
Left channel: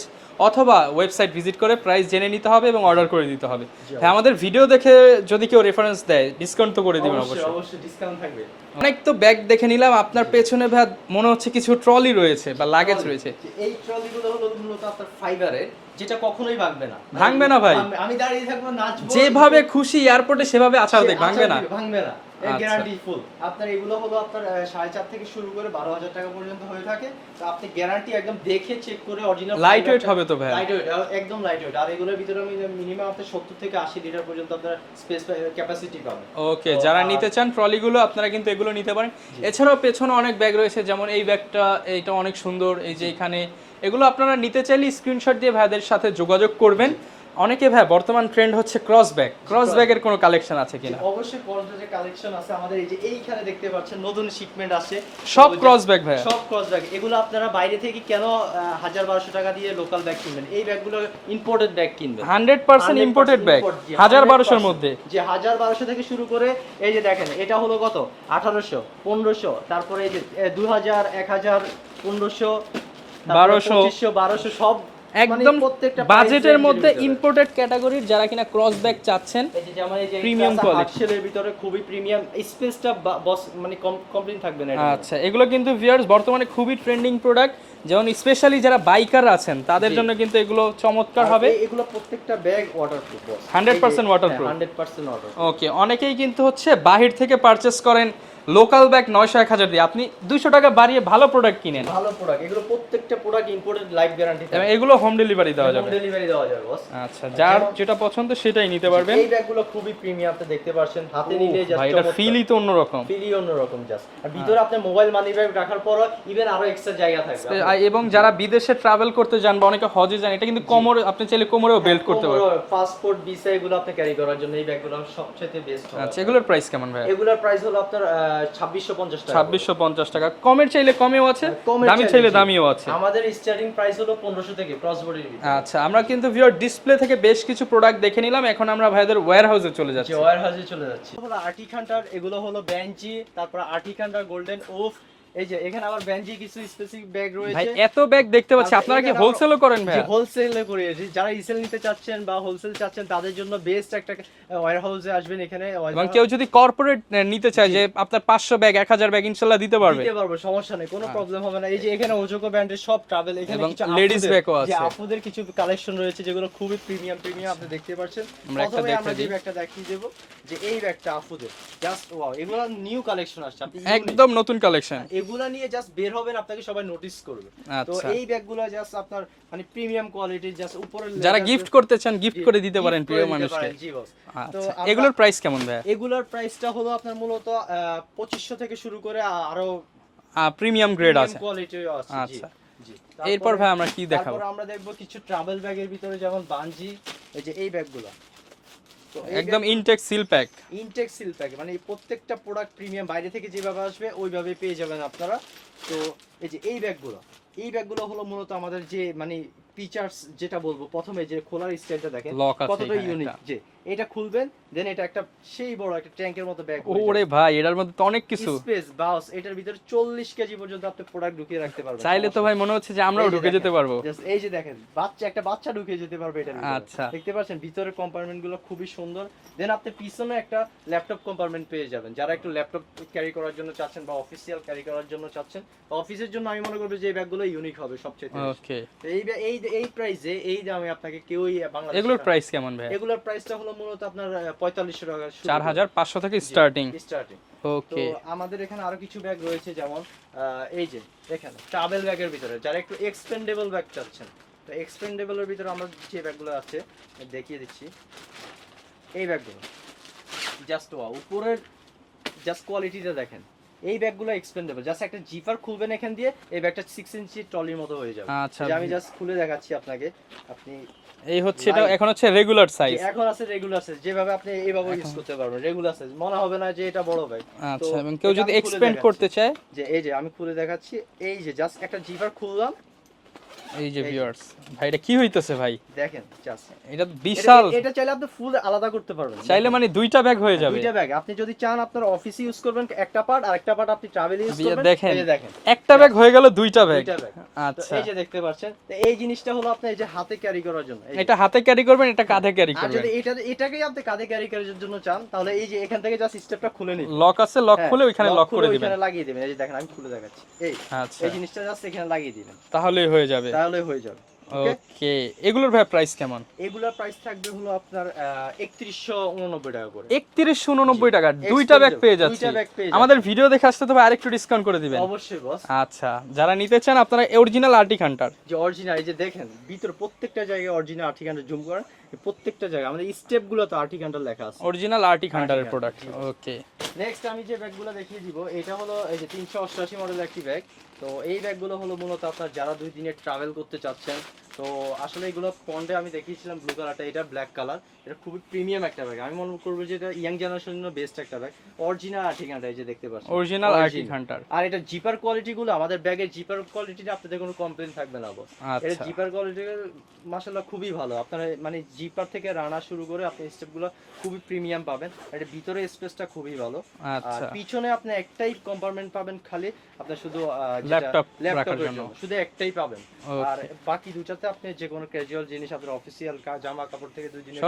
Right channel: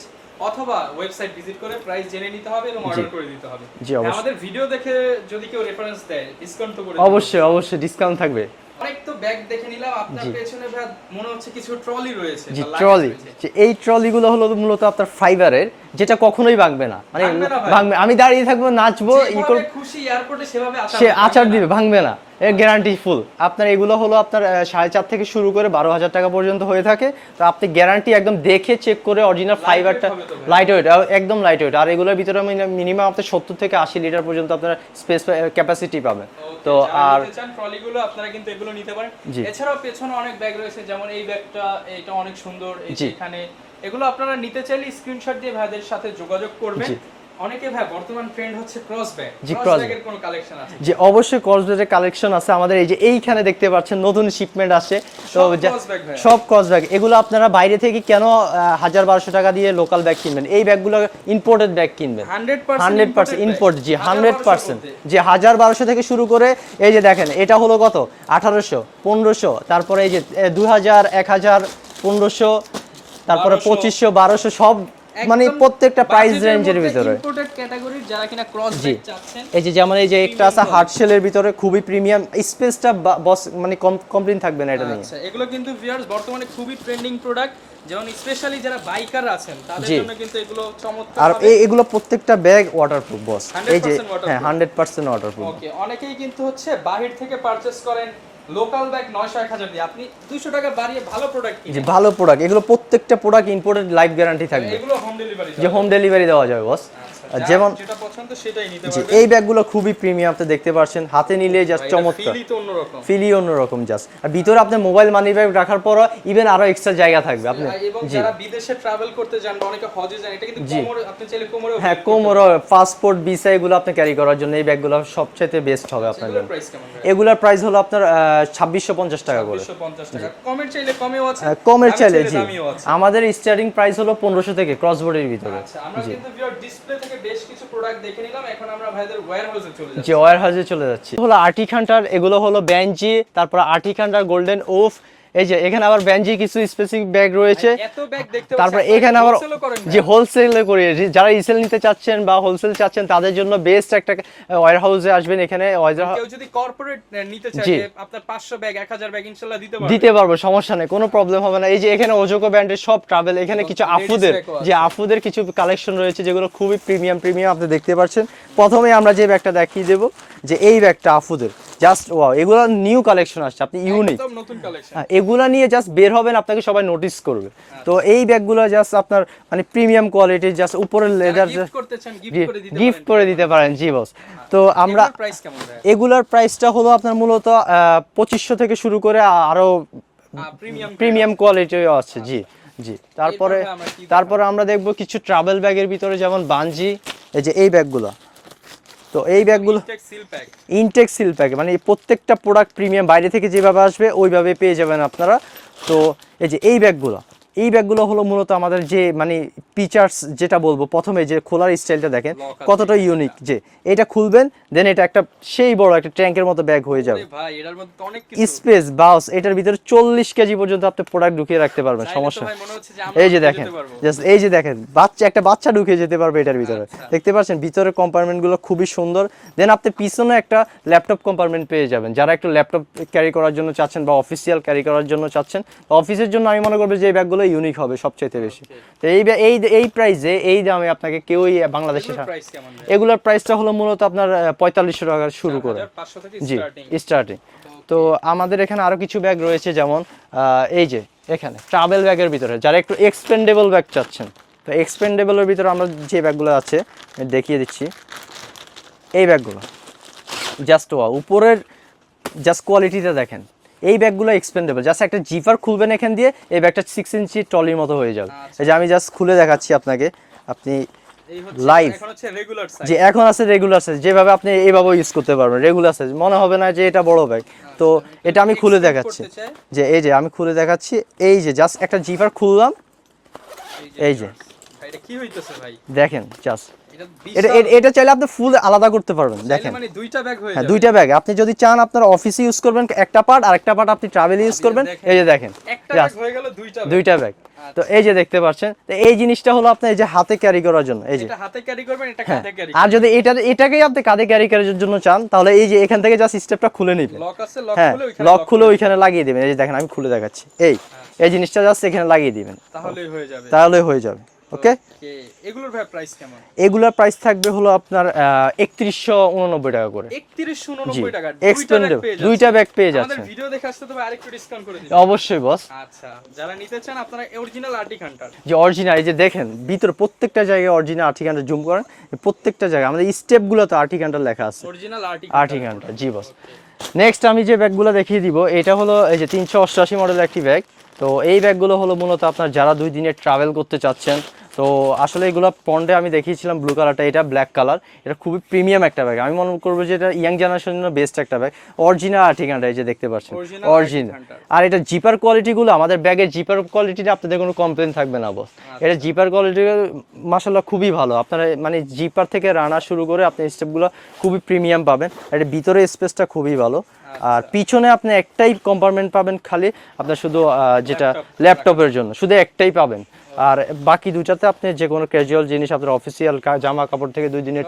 অথবা ওয়েবসাইট ভিজিট করে প্রাইস জেনে নিতে হবে এবং অর্ডার করে দিতে হবে। হ্যাঁ, আমাদের ভিডিও দেখে যদি কেউ রেফারেন্স দেয় ডিসকাউন্ট তো করে অবশ্যই অবশ্যই। ডিসকাউন্ট থাকবে। অনেক তো ব্যাগ দেখে নিলাম আপনার পেছনে ভাই মনে হচ্ছে কিছু ট্রলি রয়েছে বা লাগেজ ট্রলি রয়েছে। এই ট্রলিগুলো হলো মূলত আপনার ফাইবারের যেটা কখনোই ভাঙবে না। মানে ভাঙবে না ভাই? আমি দাঁড়িয়ে থাকব নাচবো যেভাবে খুশি এয়ারপোর্টে সেভাবে আচার দেয়, আচার। দিবে ভাঙবে না। গ্যারান্টি ফুল আপনার এগুলো হলো আপনার সাড়ে চার থেকে শুরু করে বারো হাজার টাকা পর্যন্ত হয়ে থাকে। তো আপনি গ্যারান্টি একদম দেখে চেক করে অরিজিনাল ফাইবারটা? লাইট ওয়েট একদম লাইট ওয়েট আর এগুলোর ভিতরে মিনিমাম আপনার সত্তর থেকে আশি লিটার পর্যন্ত আপনার স্পেস ক্যাপাসিটি পাবেন ওকে যারা নিতে চান ট্রলিগুলো আপনারা কিন্তু এগুলো নিতে পারেন। এছাড়াও পেছনে অনেক ব্যাগ রয়েছে যেমন এই ব্যাগটা এইটা অনেক সুন্দর এখানে। এগুলো আপনারা নিতে চাইলে স্ক্রিনশট দিয়ে ভাইদের সাথে যোগাযোগ করবেন। অনেকে ভাই বর্তমান ট্রেন্ড হচ্ছে ক্রস ব্যাগ ক্রস ব্যাগের কোনো কালেকশন আছে যে অবশ্যই কসব্যাগের কালেকশন আছে। আমাদের এই যে এইখানে দেখতে পাচ্ছেন নতুন শিপমেন্ট আসে সব ক্রস ব্যাগ ভাই। সব ক্রস ব্যাগ এগুলো আপনারা বাইরে থেকে কেন হাজার বারোশো টাকা দিয়ে লোকাল ব্যাগ কিনবেন? এই ব্যাগগুলো ইম্পোর্টেড ব্যাগ কিনবেন। 100% ইম্পোর্টেড ইম্পোর্ট জি হাজার 100% মধ্যে। যে হাজার বারোশো থেকে শুরু করে এই যে দেখেন এটা হলো কত? আঠারোশো পনেরোশো তারপরে এই যে দু হাজার এক হাজার পনেরোশো তারপরে 1200 বারোশো সব মানে প্রত্যেকটা প্রাইস রেঞ্জের ভিতরে। ইম্পোর্টেড ক্যাটাগরির যারা কিনা ক্রস ব্যাগ চাচ্ছেন এই যে যেমন এই যে একটা আছে হার্ড শেলের ভিতরে খুবই প্রিমিয়াম স্পেসটা বস মানে কমপ্লেন থাকবে না এটা আচ্ছা এগুলো কিন্তু ভিউয়ার্স বর্তমানে খুবই ট্রেন্ডিং প্রোডাক্ট যেমন স্পেশালি যারা বাইকার আছেন তাদের জন্য কিন্তু এগুলো চমৎকার হবে। এগুলো প্রত্যেকটা bag waterproof boss 100% waterproof। Hundred percent waterproof okay অনেকেই কিন্তু হচ্ছে বাহির থেকে পারচেস করেন লোকাল ব্যাগ নয়শো এক হাজার দিয়ে। আপনি দুইশো টাকা বাড়িয়ে ভালো প্রোডাক্ট কিনেন। ভালো প্রোডাক্ট এগুলো প্রত্যেকটা প্রোডাক্ট ইম্পোর্টেড লাইফ গ্যারান্টি থাকবে। এগুলো হোম ডেলিভারি হোম ডেলিভারি দেওয়া যাবে বস আচ্ছা যেমন যেটা পছন্দ সেটাই নিতে পারবেন। এই ব্যাগগুলো খুবই প্রিমিয়াম আপনি দেখতে পাচ্ছেন হাতে নিলে জাস্ট চমৎকার। ফিলই তো অন্যরকম। ফিলই অন্যরকম জাস্ট আর ভিতরে আপনার মোবাইল মানি ব্যাগ রাখার পরও ইভেন আরও এক্সট্রা জায়গা থাকবে। আপনি এবং যারা বিদেশে ট্রাভেল করতে যান বা অনেকে হজে যান এটা কিন্তু কোমরে আপনি চাইলে কোমরেও হ্যাঁ বেল্ট করতে কোমর পাসপোর্ট ভিসা এগুলো আপনি ক্যারি করার জন্য এই ব্যাগগুলো সবচেয়ে বেস্ট হবে পারেন এগুলোর প্রাইস কেমন ভাই? এগুলোর প্রাইস হলো আপনার ছাব্বিশশো পঞ্চাশ টাকা। ছাব্বিশশো পঞ্চাশ টাকা। কমের চাইলে কমেও আছে হ্যাঁ, কমের চাইলে দামিও আছে। আমাদের স্টার্টিং প্রাইস হলো পনেরোশো থেকে ক্রস বোর্ডের ভিতরে। আচ্ছা আমরা কিন্তু ভিউয়ার ডিসপ্লে থেকে বেশ কিছু প্রোডাক্ট দেখে নিলাম। এখন আমরা ভাইদের ওয়্যার হাউসে চলে যাচ্ছি। যে ওয়ার হাউসে চলে যাচ্ছি। হলো আর্টিক এগুলো হলো ব্যাঞ্জি তারপর আর্টিক হান্টার গোল্ডেন ওফ এই যে এখানে আবার ব্যাঞ্জি কিছু স্পেসিফিক ব্যাগ রয়েছে। এত ব্যাগ দেখতে পাচ্ছি এখানে আবার হোলসেলও করেন যে হোলসেল করি যারা রিসেল নিতে চাচ্ছেন বা হোলসেল চাচ্ছেন তাদের জন্য বেস্ট একটা ওয়ার হাউসে আসবেন এখানে কেউ যদি কর্পোরেট নিতে চায় যে আপনার 500 ব্যাগ 1000 ব্যাগ ইনশাআল্লাহ দিতে পারবে। দিতে পারব সমস্যা নেই কোনো প্রবলেম হবে না। এই যে এখানে ওজোকো ব্র্যান্ডের সব ট্রাভেল এখানে কিছু আফুদের যে আফুদের কিছু কালেকশন রয়েছে যেগুলো খুবই প্রিমিয়াম প্রিমিয়াম আপনি দেখতে পাচ্ছেন। প্রথমে আমরা যে ব্যাগটা দেখিয়ে দেব যে এই ব্যাগটা আফুদের জাস্ট ওয়াও এগুলো নিউ কালেকশন আসছে আপনি ইউনিক একদম নতুন কালেকশন এগুলা নিয়ে জাস্ট বের হবেন আপনাকে সবাই নোটিস করবে। তো আচ্ছা। এই ব্যাগগুলো জাস্ট আপনার মানে প্রিমিয়াম কোয়ালিটির জাস্ট উপরের লেদার গিফট করতে চান গিফট করে দিতে পারেন গিফট করে দিতে পারেন জি বস তো আচ্ছা, আমরা এগুলোর প্রাইস কেমন ভাই এগুলোর প্রাইসটা হলো আপনার মূলত পঁচিশশো থেকে শুরু করে আরও প্রিমিয়াম প্রিমিয়াম কোয়ালিটিও আছে। জি আচ্ছা। জি। তারপরে আমরা কি তারপরে আমরা দেখব কিছু ট্রাভেল ব্যাগের ভিতরে যেমন বানজি এই যে এই ব্যাগগুলো। তো এই bag intact seal pack intact seal pack মানে প্রত্যেকটা প্রোডাক্ট প্রিমিয়াম বাইরে থেকে যেভাবে আসবে ওইভাবে পেয়ে যাবেন আপনারা। তো এই যে এই ব্যাগগুলো এই ব্যাগগুলো হলো মূলত আমাদের যে মানে ফিচার্স যেটা বলব প্রথমে যে খোলার স্টাইলটা দেখেন কতটা ইউনিক যে এটা খুলবেন দেন এটা একটা সেই বড় একটা ট্যাঙ্কের মতো ব্যাগ হয়ে যাবে। ভাই এটার মধ্যে তো অনেক কিছু। স্পেস বাস এটার ভিতরে চল্লিশ কেজি পর্যন্ত আপনি প্রোডাক্ট ঢুকিয়ে রাখতে পারবেন সমস্যা ভাই মনে হচ্ছে যে আমরা এই যে দেখেন জাস্ট এই যে দেখেন বাচ্চা একটা বাচ্চা ঢুকিয়ে যেতে পারবে এটার ভিতরে। আচ্ছা। দেখতে পাচ্ছেন ভিতরে কম্পার্টমেন্টগুলো খুবই সুন্দর। দেন আপনি পিছনে একটা ল্যাপটপ কম্পার্টমেন্ট পেয়ে যাবেন। যারা একটু ল্যাপটপ ক্যারি করার জন্য চাচ্ছেন বা অফিসিয়াল ক্যারি করার জন্য চাচ্ছেন অফিসের জন্য আমি মনে করব যে এই ব্যাগগুলো ইউনিক হবে সবচেয়ে বেশি। তো এই এই এই প্রাইসে এই দামে আপনাকে কেউই বাংলাদেশে এগুলোর প্রাইস কেমন ভাই এগুলোর প্রাইসটা হলো মূলত আপনার পঁয়তাল্লিশশো টাকা শুরু করে। 4500 থেকে স্টার্টিং স্টার্টিং তো আমাদের এখানে আরও কিছু ব্যাগ রয়েছে যেমন এই যে এখানে ট্রাভেল ব্যাগের ভিতরে। যারা একটু এক্সপেন্ডেবল ব্যাগ চাচ্ছেন তো এক্সপেন্ডেবলের ভিতরে আমরা যে ব্যাগগুলো আছে দেখিয়ে দিচ্ছি। এই ব্যাগগুলো জাস্ট ওয়া উপরের জাস্ট কোয়ালিটিটা দেখেন। এই ব্যাগগুলো এক্সপেন্ডেবল জাস্ট একটা জিপার খুলবেন এখান দিয়ে এই ব্যাগটা সিক্স ইঞ্চি ট্রলির মতো হয়ে যাবে। আচ্ছা। এই যে আমি জাস্ট খুলে দেখাচ্ছি আপনাকে। আপনি এই হচ্ছে এখন হচ্ছে রেগুলার সাইজ যে এখন আছে রেগুলার সাইজ যেভাবে আপনি এইভাবে ইউজ করতে পারবেন। রেগুলার সাইজ মনে হবে না যে এটা বড় ব্যাগ তো এটা আমি খুলে দেখাচ্ছি। যে এই যে আমি খুলে দেখাচ্ছি। এই যে জাস্ট একটা জিপার খুললাম। এই যে ভাই এটা কি হইতেছে ভাই? দেখেন জাস্ট এটা এটা বিশাল। এটা চাইলে আপনি ফুল আলাদা করতে পারবেন চাইলে মানে দুইটা ব্যাগ হয়ে হ্যাঁ, যাবে। দুইটা ব্যাগ আপনি যদি চান আপনার অফিসে ইউজ করবেন একটা পার্ট আর একটা পার্ট আপনি ট্রাভেল ইউজ করবেন। এই যে দেখেন একটা ব্যাগ হয়ে গেল দুইটা ব্যাগ দুইটা ব্যাগ তো। এই যে দেখতে পাচ্ছেন তো এই জিনিসটা হলো আপনার এই যে হাতে ক্যারি করার জন্য এই যে। এটা হাতে ক্যারি করবেন এটা কাঁধে ক্যারি আর যদি এটা এটাকেই আপনি কাঁধে ক্যারি করার জন্য চান তাহলে এই যে এখান থেকে জাস্ট স্টেপটা খুলে নিবেন। লক আছে লক হ্যাঁ খুলে ওইখানে লক লক খুলে ওইখানে লাগিয়ে দিবেন। এই যে দেখেন আমি খুলে দেখাচ্ছি। এই আচ্ছা। এই জিনিসটা জাস্ট এখানে লাগিয়ে দিবেন। তাহলেই হয়ে যাবে। তাহলে হয়ে যাবে। ওকে এগুলোর ভাই প্রাইস কেমন? এগুলোর প্রাইস থাকবে হলো আপনার একত্রিশশো উননব্বই টাকা করে। 3199 টাকা দুইটা ব্যাগ পেয়ে যাচ্ছে দুইটা bag পেয়ে আমাদের ভিডিও দেখে আসতে তবে আরেকটু ডিসকাউন্ট করে দিবেন। অবশ্যই বস আচ্ছা যারা নিতে চান আপনারা অরিজিনাল আর্টিক হান্টার যে অরিজিনাল এই যে দেখেন ভিতরে প্রত্যেকটা জায়গায় অরিজিনাল আর্টিকানটা জুম করেন প্রত্যেকটা জায়গায় আমাদের স্টেপগুলোতে আর্টিকানটা লেখা আছে। অরিজিনাল আর্টিক হান্টার জি। ওকে নেক্সট আমি যে ব্যাগগুলো দেখিয়ে দিব এটা হলো এই যে তিনশো অষ্টআশি মডেলের একটি ব্যাগ তো এই ব্যাগগুলো হলো মূলত আপনার যারা দুই দিনের ট্রাভেল করতে চাচ্ছেন তো আসলে এগুলো পন্ডে আমি দেখিয়েছিলাম ব্লু কালারটা এটা ব্ল্যাক কালার এটা খুবই প্রিমিয়াম একটা ব্যাগ আমি মনে করব যে এটা ইয়াং জেনারেশনের জন্য বেস্ট একটা ব্যাগ অরিজিনাল আর্টিকানটা এই যে দেখতে পাচ্ছেন। Original অরিজিনাল আর এটা জিপার কোয়ালিটিগুলো আমাদের ব্যাগের জিপার কোয়ালিটিটা আপনাদের কোনো কমপ্লেন থাকবে না বস আচ্ছা। এটা জিপার কোয়ালিটি মাসাল্লাহ খুবই ভালো। আপনারা মানে জিপার থেকে রানা শুরু করে আপনি স্টেপগুলো খুবই প্রিমিয়াম পাবেন। আর এটা ভিতরে স্পেসটা খুবই ভালো। আর আচ্ছা। পিছনে আপনি একটাই কম্পার্টমেন্ট পাবেন খালি আপনার শুধু আহ, যেটা ল্যাপটপের জন্য। শুধু একটাই পাবেন। আর বাকি দুটাতে আপনি যে কোনো ক্যাজুয়াল জিনিস আপনার অফিসিয়াল জামা কাপড় থেকে দুই দিনের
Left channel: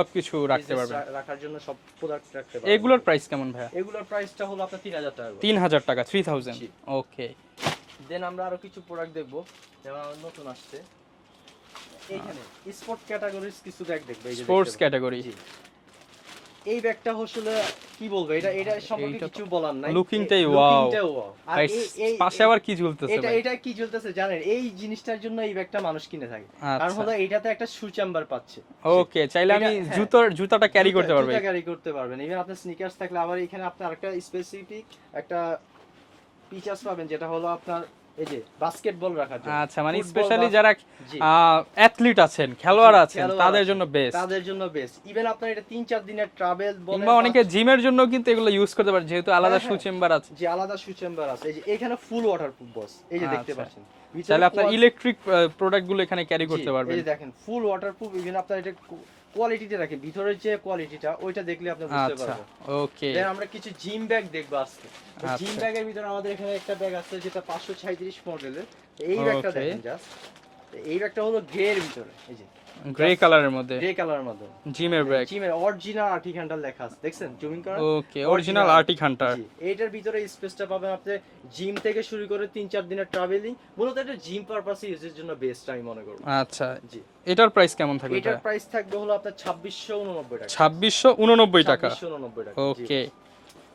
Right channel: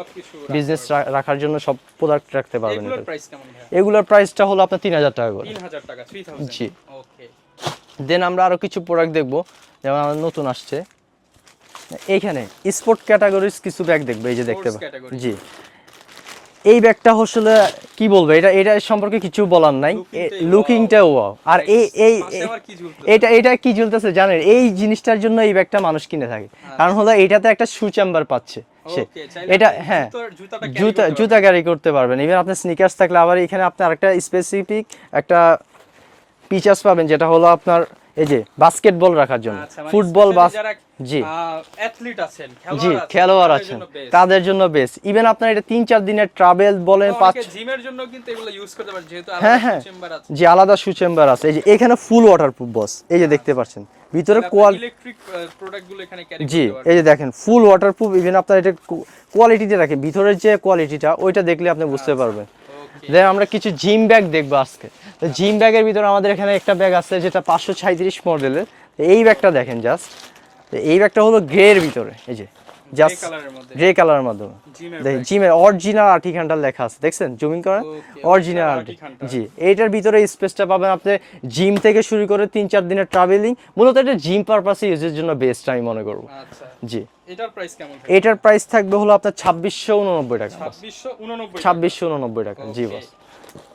বিজনেস রাখার জন্য সব প্রোডাক্ট রাখতে পারবেন। এগুলোর প্রাইস কেমন ভাইয়া? এগুলোর প্রাইসটা হলো আপনার তিন হাজার টাকা করে। 3000 টাকা 3000 জি। ওকে দেন আমরা আরও কিছু প্রোডাক্ট দেখব যেমন আমাদের নতুন আসছে। এইখানে স্পোর্ট ক্যাটাগরিজ কিছু ব্যাগ দেখবে এই যে দেখতে পাচ্ছেন। জি। এই ব্যাগটা আসলে কি বলব এটা এটা সম্পর্কে কিছু বলার নাই। লুকিংটা ওয়াও আর এই এই এটা এটা কি ঝুলতেছে জানেন? এই জিনিসটার জন্য এই ব্যাগটা মানুষ কিনে থাকে। কারণ হলো এটাতে একটা শু চেম্বার পাচ্ছে ওকে চাইলে এটা হ্যাঁ। জুতার জুতাটা ক্যারি জুতা করতে জুতা ক্যারি করতে পারবেন। ইভেন আপনার স্নিকার্স থাকলে আবার এখানে আপনি আরেকটা স্পেসিফিক একটা ফিচার্স পাবেন যেটা হলো আপনার এই যে বাস্কেটবল রাখার জন্য। আচ্ছা মানে ফুটবল জি। অ্যাথলিট আছেন খেলোয়াড় আছেন খেলোয়াড় তাদের জন্য বেস্ট তাদের জন্য বেস্ট ইভেন আপনার এটা তিন চার দিনের ট্রাভেল বলেন অনেকে জিমের জন্য কিন্তু এগুলো ইউজ করতে পারে যেহেতু হ্যাঁ, আলাদা হ্যাঁ। চেম্বার আছে। আলাদা শু চেম্বার আছে। এই যে এখানে ফুল ওয়াটারপ্রুফ বস এই যে দেখতে পাচ্ছেন। ভিতরে ইলেকট্রিক প্রোডাক্টগুলো এখানে ক্যারি করতে পারবেন। এই যে দেখেন ফুল ওয়াটারপ্রুফ ইভেন আপনার এটা কোয়ালিটিতে রাখে। ভিতরের যে কোয়ালিটিটা ওইটা দেখলে আপনি বুঝতে আচ্ছা। পারবেন। ওকে দেন আমরা কিছু জিম ব্যাগ দেখব আজকে। জিম ব্যাগের ভিতরে আমাদের এখানে একটা ব্যাগ আছে যেটা পাঁচশো ছাইত্রিশ মডেলের। এই ব্যাগটা দেখেন জাস্ট এই ব্যাগটা হলো গ্রের ভিতরে এই যে গ্রে কালারের মধ্যে। গ্রে কালারের মাধ্যমে জিমের ব্যাগ। জিমের অরিজিনাল আর্টিক হান্টার লেখা আছে দেখছেন? জুমিং করেন Okay, original Arctic জি এইটার ভিতরে স্পেসটা পাবেন আপনি জিম থেকে শুরু করে তিন চার দিনের ট্রাভেলিং মূলত এটা জিম পারপাসে ইউজের জন্য বেস্ট আমি মনে করব। আচ্ছা। জি। এটার প্রাইস কেমন থাকবে? এটার প্রাইস থাকবে হলো আপনার ছাব্বিশশো উননব্বই টাকা। 2689 টাকা। জি।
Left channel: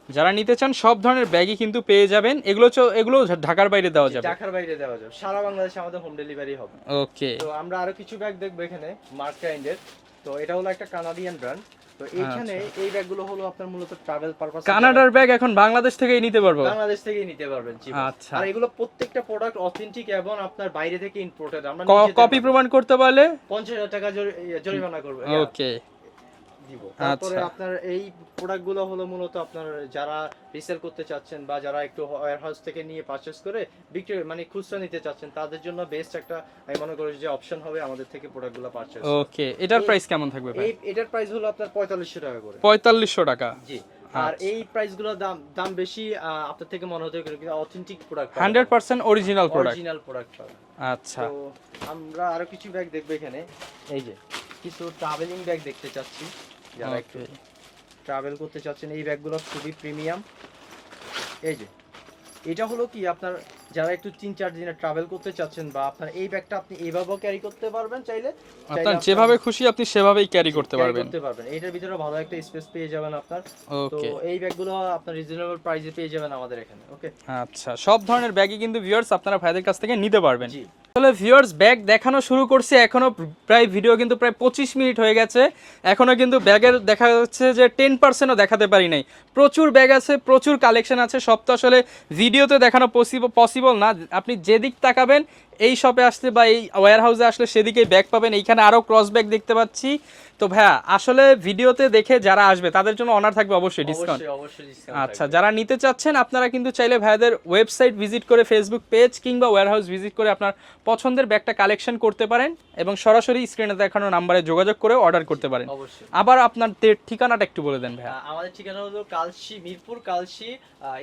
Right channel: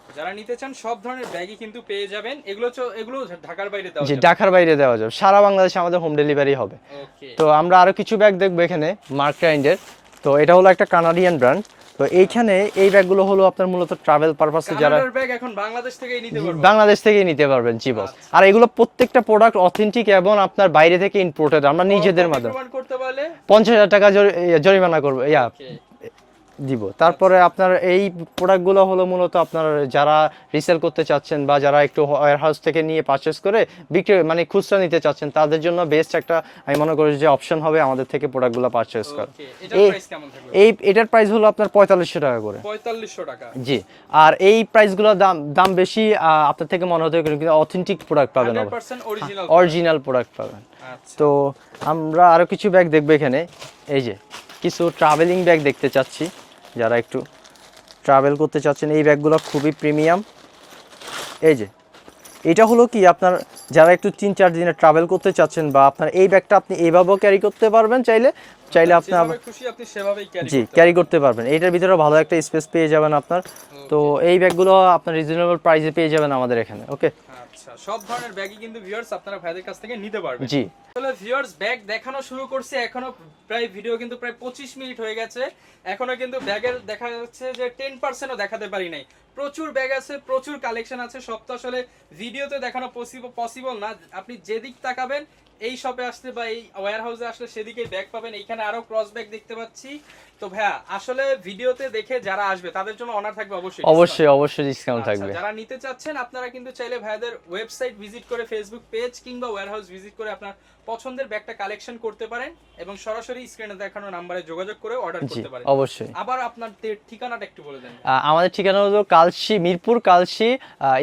যারা নিতে চান সব ধরনের ব্যাগই কিন্তু পেয়ে যাবেন। এগুলো এগুলো ঢাকার বাইরে দেওয়া যাবে। ঢাকার বাইরে দেওয়া যাবে। সারা বাংলাদেশে আমাদের হোম ডেলিভারি হবে। ওকে। তো আমরা আরও কিছু ব্যাগ দেখব এখানে মার্ক কাইন্ডের তো এটা হলো একটা কানাডিয়ান ব্র্যান্ড তো এইখানে এই ব্যাগগুলো হলো আপনার মূলত ট্রাভেল পারপাসে কানাডার ব্যাগ এখন বাংলাদেশ থেকেই নিতে পারব? বাংলাদেশ থেকেই নিতে পারবেন জি boss। আচ্ছা। আর এগুলো প্রত্যেকটা প্রোডাক্ট অথেন্টিক এবং আপনার বাইরে থেকে ইম্পোর্টেড আমরা নিজেদের প্রমাণ করতে পারলে? পঞ্চাশ হাজার টাকা জরি- জরিমানা করব ইয়া। ওকে। দিব। তারপরে আচ্ছা। আপনার এই প্রোডাক্টগুলো হলো মূলত আপনার যারা রিসেল করতে চাচ্ছেন বা যারা একটু ওয়ার হাউস থেকে নিয়ে পারচেস করে বিক্রি মানে খুচরা নিতে চাচ্ছেন তাদের জন্য বেস্ট একটা আমি মনে করি যে অপশন হবে আমাদের থেকে প্রোডাক্টগুলো পারচেস করা। ওকে এটার প্রাইস কেমন থাকবে? এই এটার প্রাইস হলো আপনার পঁয়তাল্লিশশো টাকা করে। পঁয়তাল্লিশশো টাকা। জি আর এই প্রাইসগুলোর দাম দাম বেশি আপনার থেকে মনে হতে পারে কিন্তু অথেন্টিক প্রোডাক্ট পাবেন hundred percent original original product পাবেন। আচ্ছা। তো আমরা আরও কিছু ব্যাগ দেখব এখানে। এই যে কিছু ট্রাভেলিং ব্যাগ দেখতে চাচ্ছি। যারা একটু ট্রাভেল করতে চাচ্ছেন, এই ব্যাগগুলো খুবই প্রিমিয়াম এই যে, এটা হলো কি আপনার যারা একটু তিন চার দিনে ট্রাভেল করতে চাচ্ছেন বা আপনার এই ব্যাগটা আপনি এইভাবেও ক্যারি করতে পারবেন চাইলে চাইলে আপনি যেভাবে খুশি আপনি সেভাবেই ক্যারি করতে ক্যারি করতে পারবেন। এটার ভিতরে ভালো একটা স্পেস পেয়ে যাবেন আপনার। তো এই ব্যাগগুলো আপনার রিজনেবল প্রাইসে পেয়ে যাবেন আমাদের এখানে ওকে আচ্ছা সব ধরনের ব্যাগই কিন্তু ভিউয়ার্স আপনারা ভাইদের কাছ থেকে নিতে পারবেন। জি। আসলে ভিউয়ার্স ব্যাগ দেখানো শুরু করছে এখনও প্রায় ভিডিও কিন্তু প্রায় পঁচিশ মিনিট হয়ে গেছে। এখনও কিন্তু ব্যাগের দেখা যাচ্ছে যে টেন পার্সেন্টও দেখাতে পারি নাই। প্রচুর ব্যাগ আছে প্রচুর কালেকশন আছে সব তো আসলে ভিডিওতে দেখানো পসিবল পসিবল না। আপনি যেদিক তাকাবেন এই শপে আসলে বা এই ওয়্যার হাউসে আসলে সেদিকেই ব্যাগ পাবেন। এইখানে আরও ক্রস ব্যাগ দেখতে পাচ্ছি। তো ভাইয়া আসলে ভিডিওতে দেখে যারা আসবে তাদের জন্য অনার থাকবে অবশ্যই অবশ্যই অবশ্যই ডিসকাউন্ট আচ্ছা যারা নিতে চাচ্ছেন আপনারা কিন্তু চাইলে ভাইয়াদের ওয়েবসাইট ভিজিট করে ফেসবুক পেজ কিংবা ওয়্যারহাউস ভিজিট করে আপনার পছন্দের ব্যাগটা কালেকশন করতে পারেন এবং সরাসরি স্ক্রিনে দেখানো নাম্বারে যোগাযোগ করে অর্ডার করতে পারেন। অবশ্যই। আবার আপনার ঠিকানাটা একটু বলে দেন। আমাদের ঠিকানা হলো Kalshi Mirpur Kalshi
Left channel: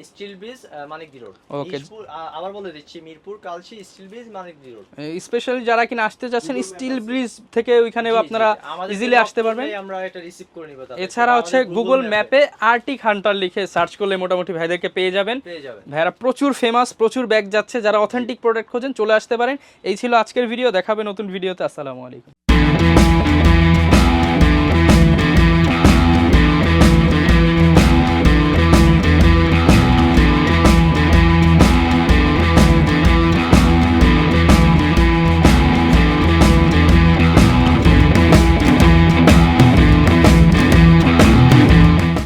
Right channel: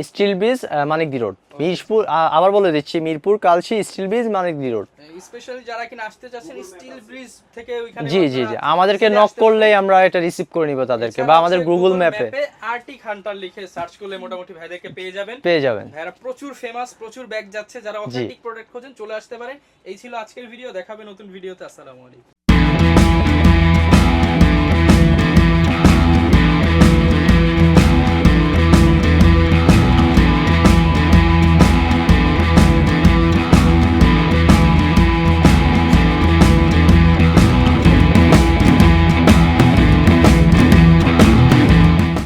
steel bridge Manikdi road. Mirpur আবার বলে দিচ্ছি Mirpur Kalshi steel bridge road specially যারা কিনা আসতে যাচ্ছেন স্টিল ব্রিজ থেকে ওইখানে আপনারা আমাদেরকে নক করলেই আমরা এটা রিসিভ করে নিব তাদেরকে বা আমাদের গুগল ম্যাপে আরটি হান্টার লিখে সার্চ করলে মোটামুটি ভাইদেরকে পেয়ে যাবেন। পেয়ে যাবেন। ভাইরা প্রচুর ফেমাস প্রচুর ব্যাগ যাচ্ছে। যারা অথেন্টিক প্রোডাক্ট খোঁজেন চলে আসতে পারেন। এই ছিল আজকের ভিডিও দেখাবে নতুন ভিডিওতে আসসালামু আলাইকুম।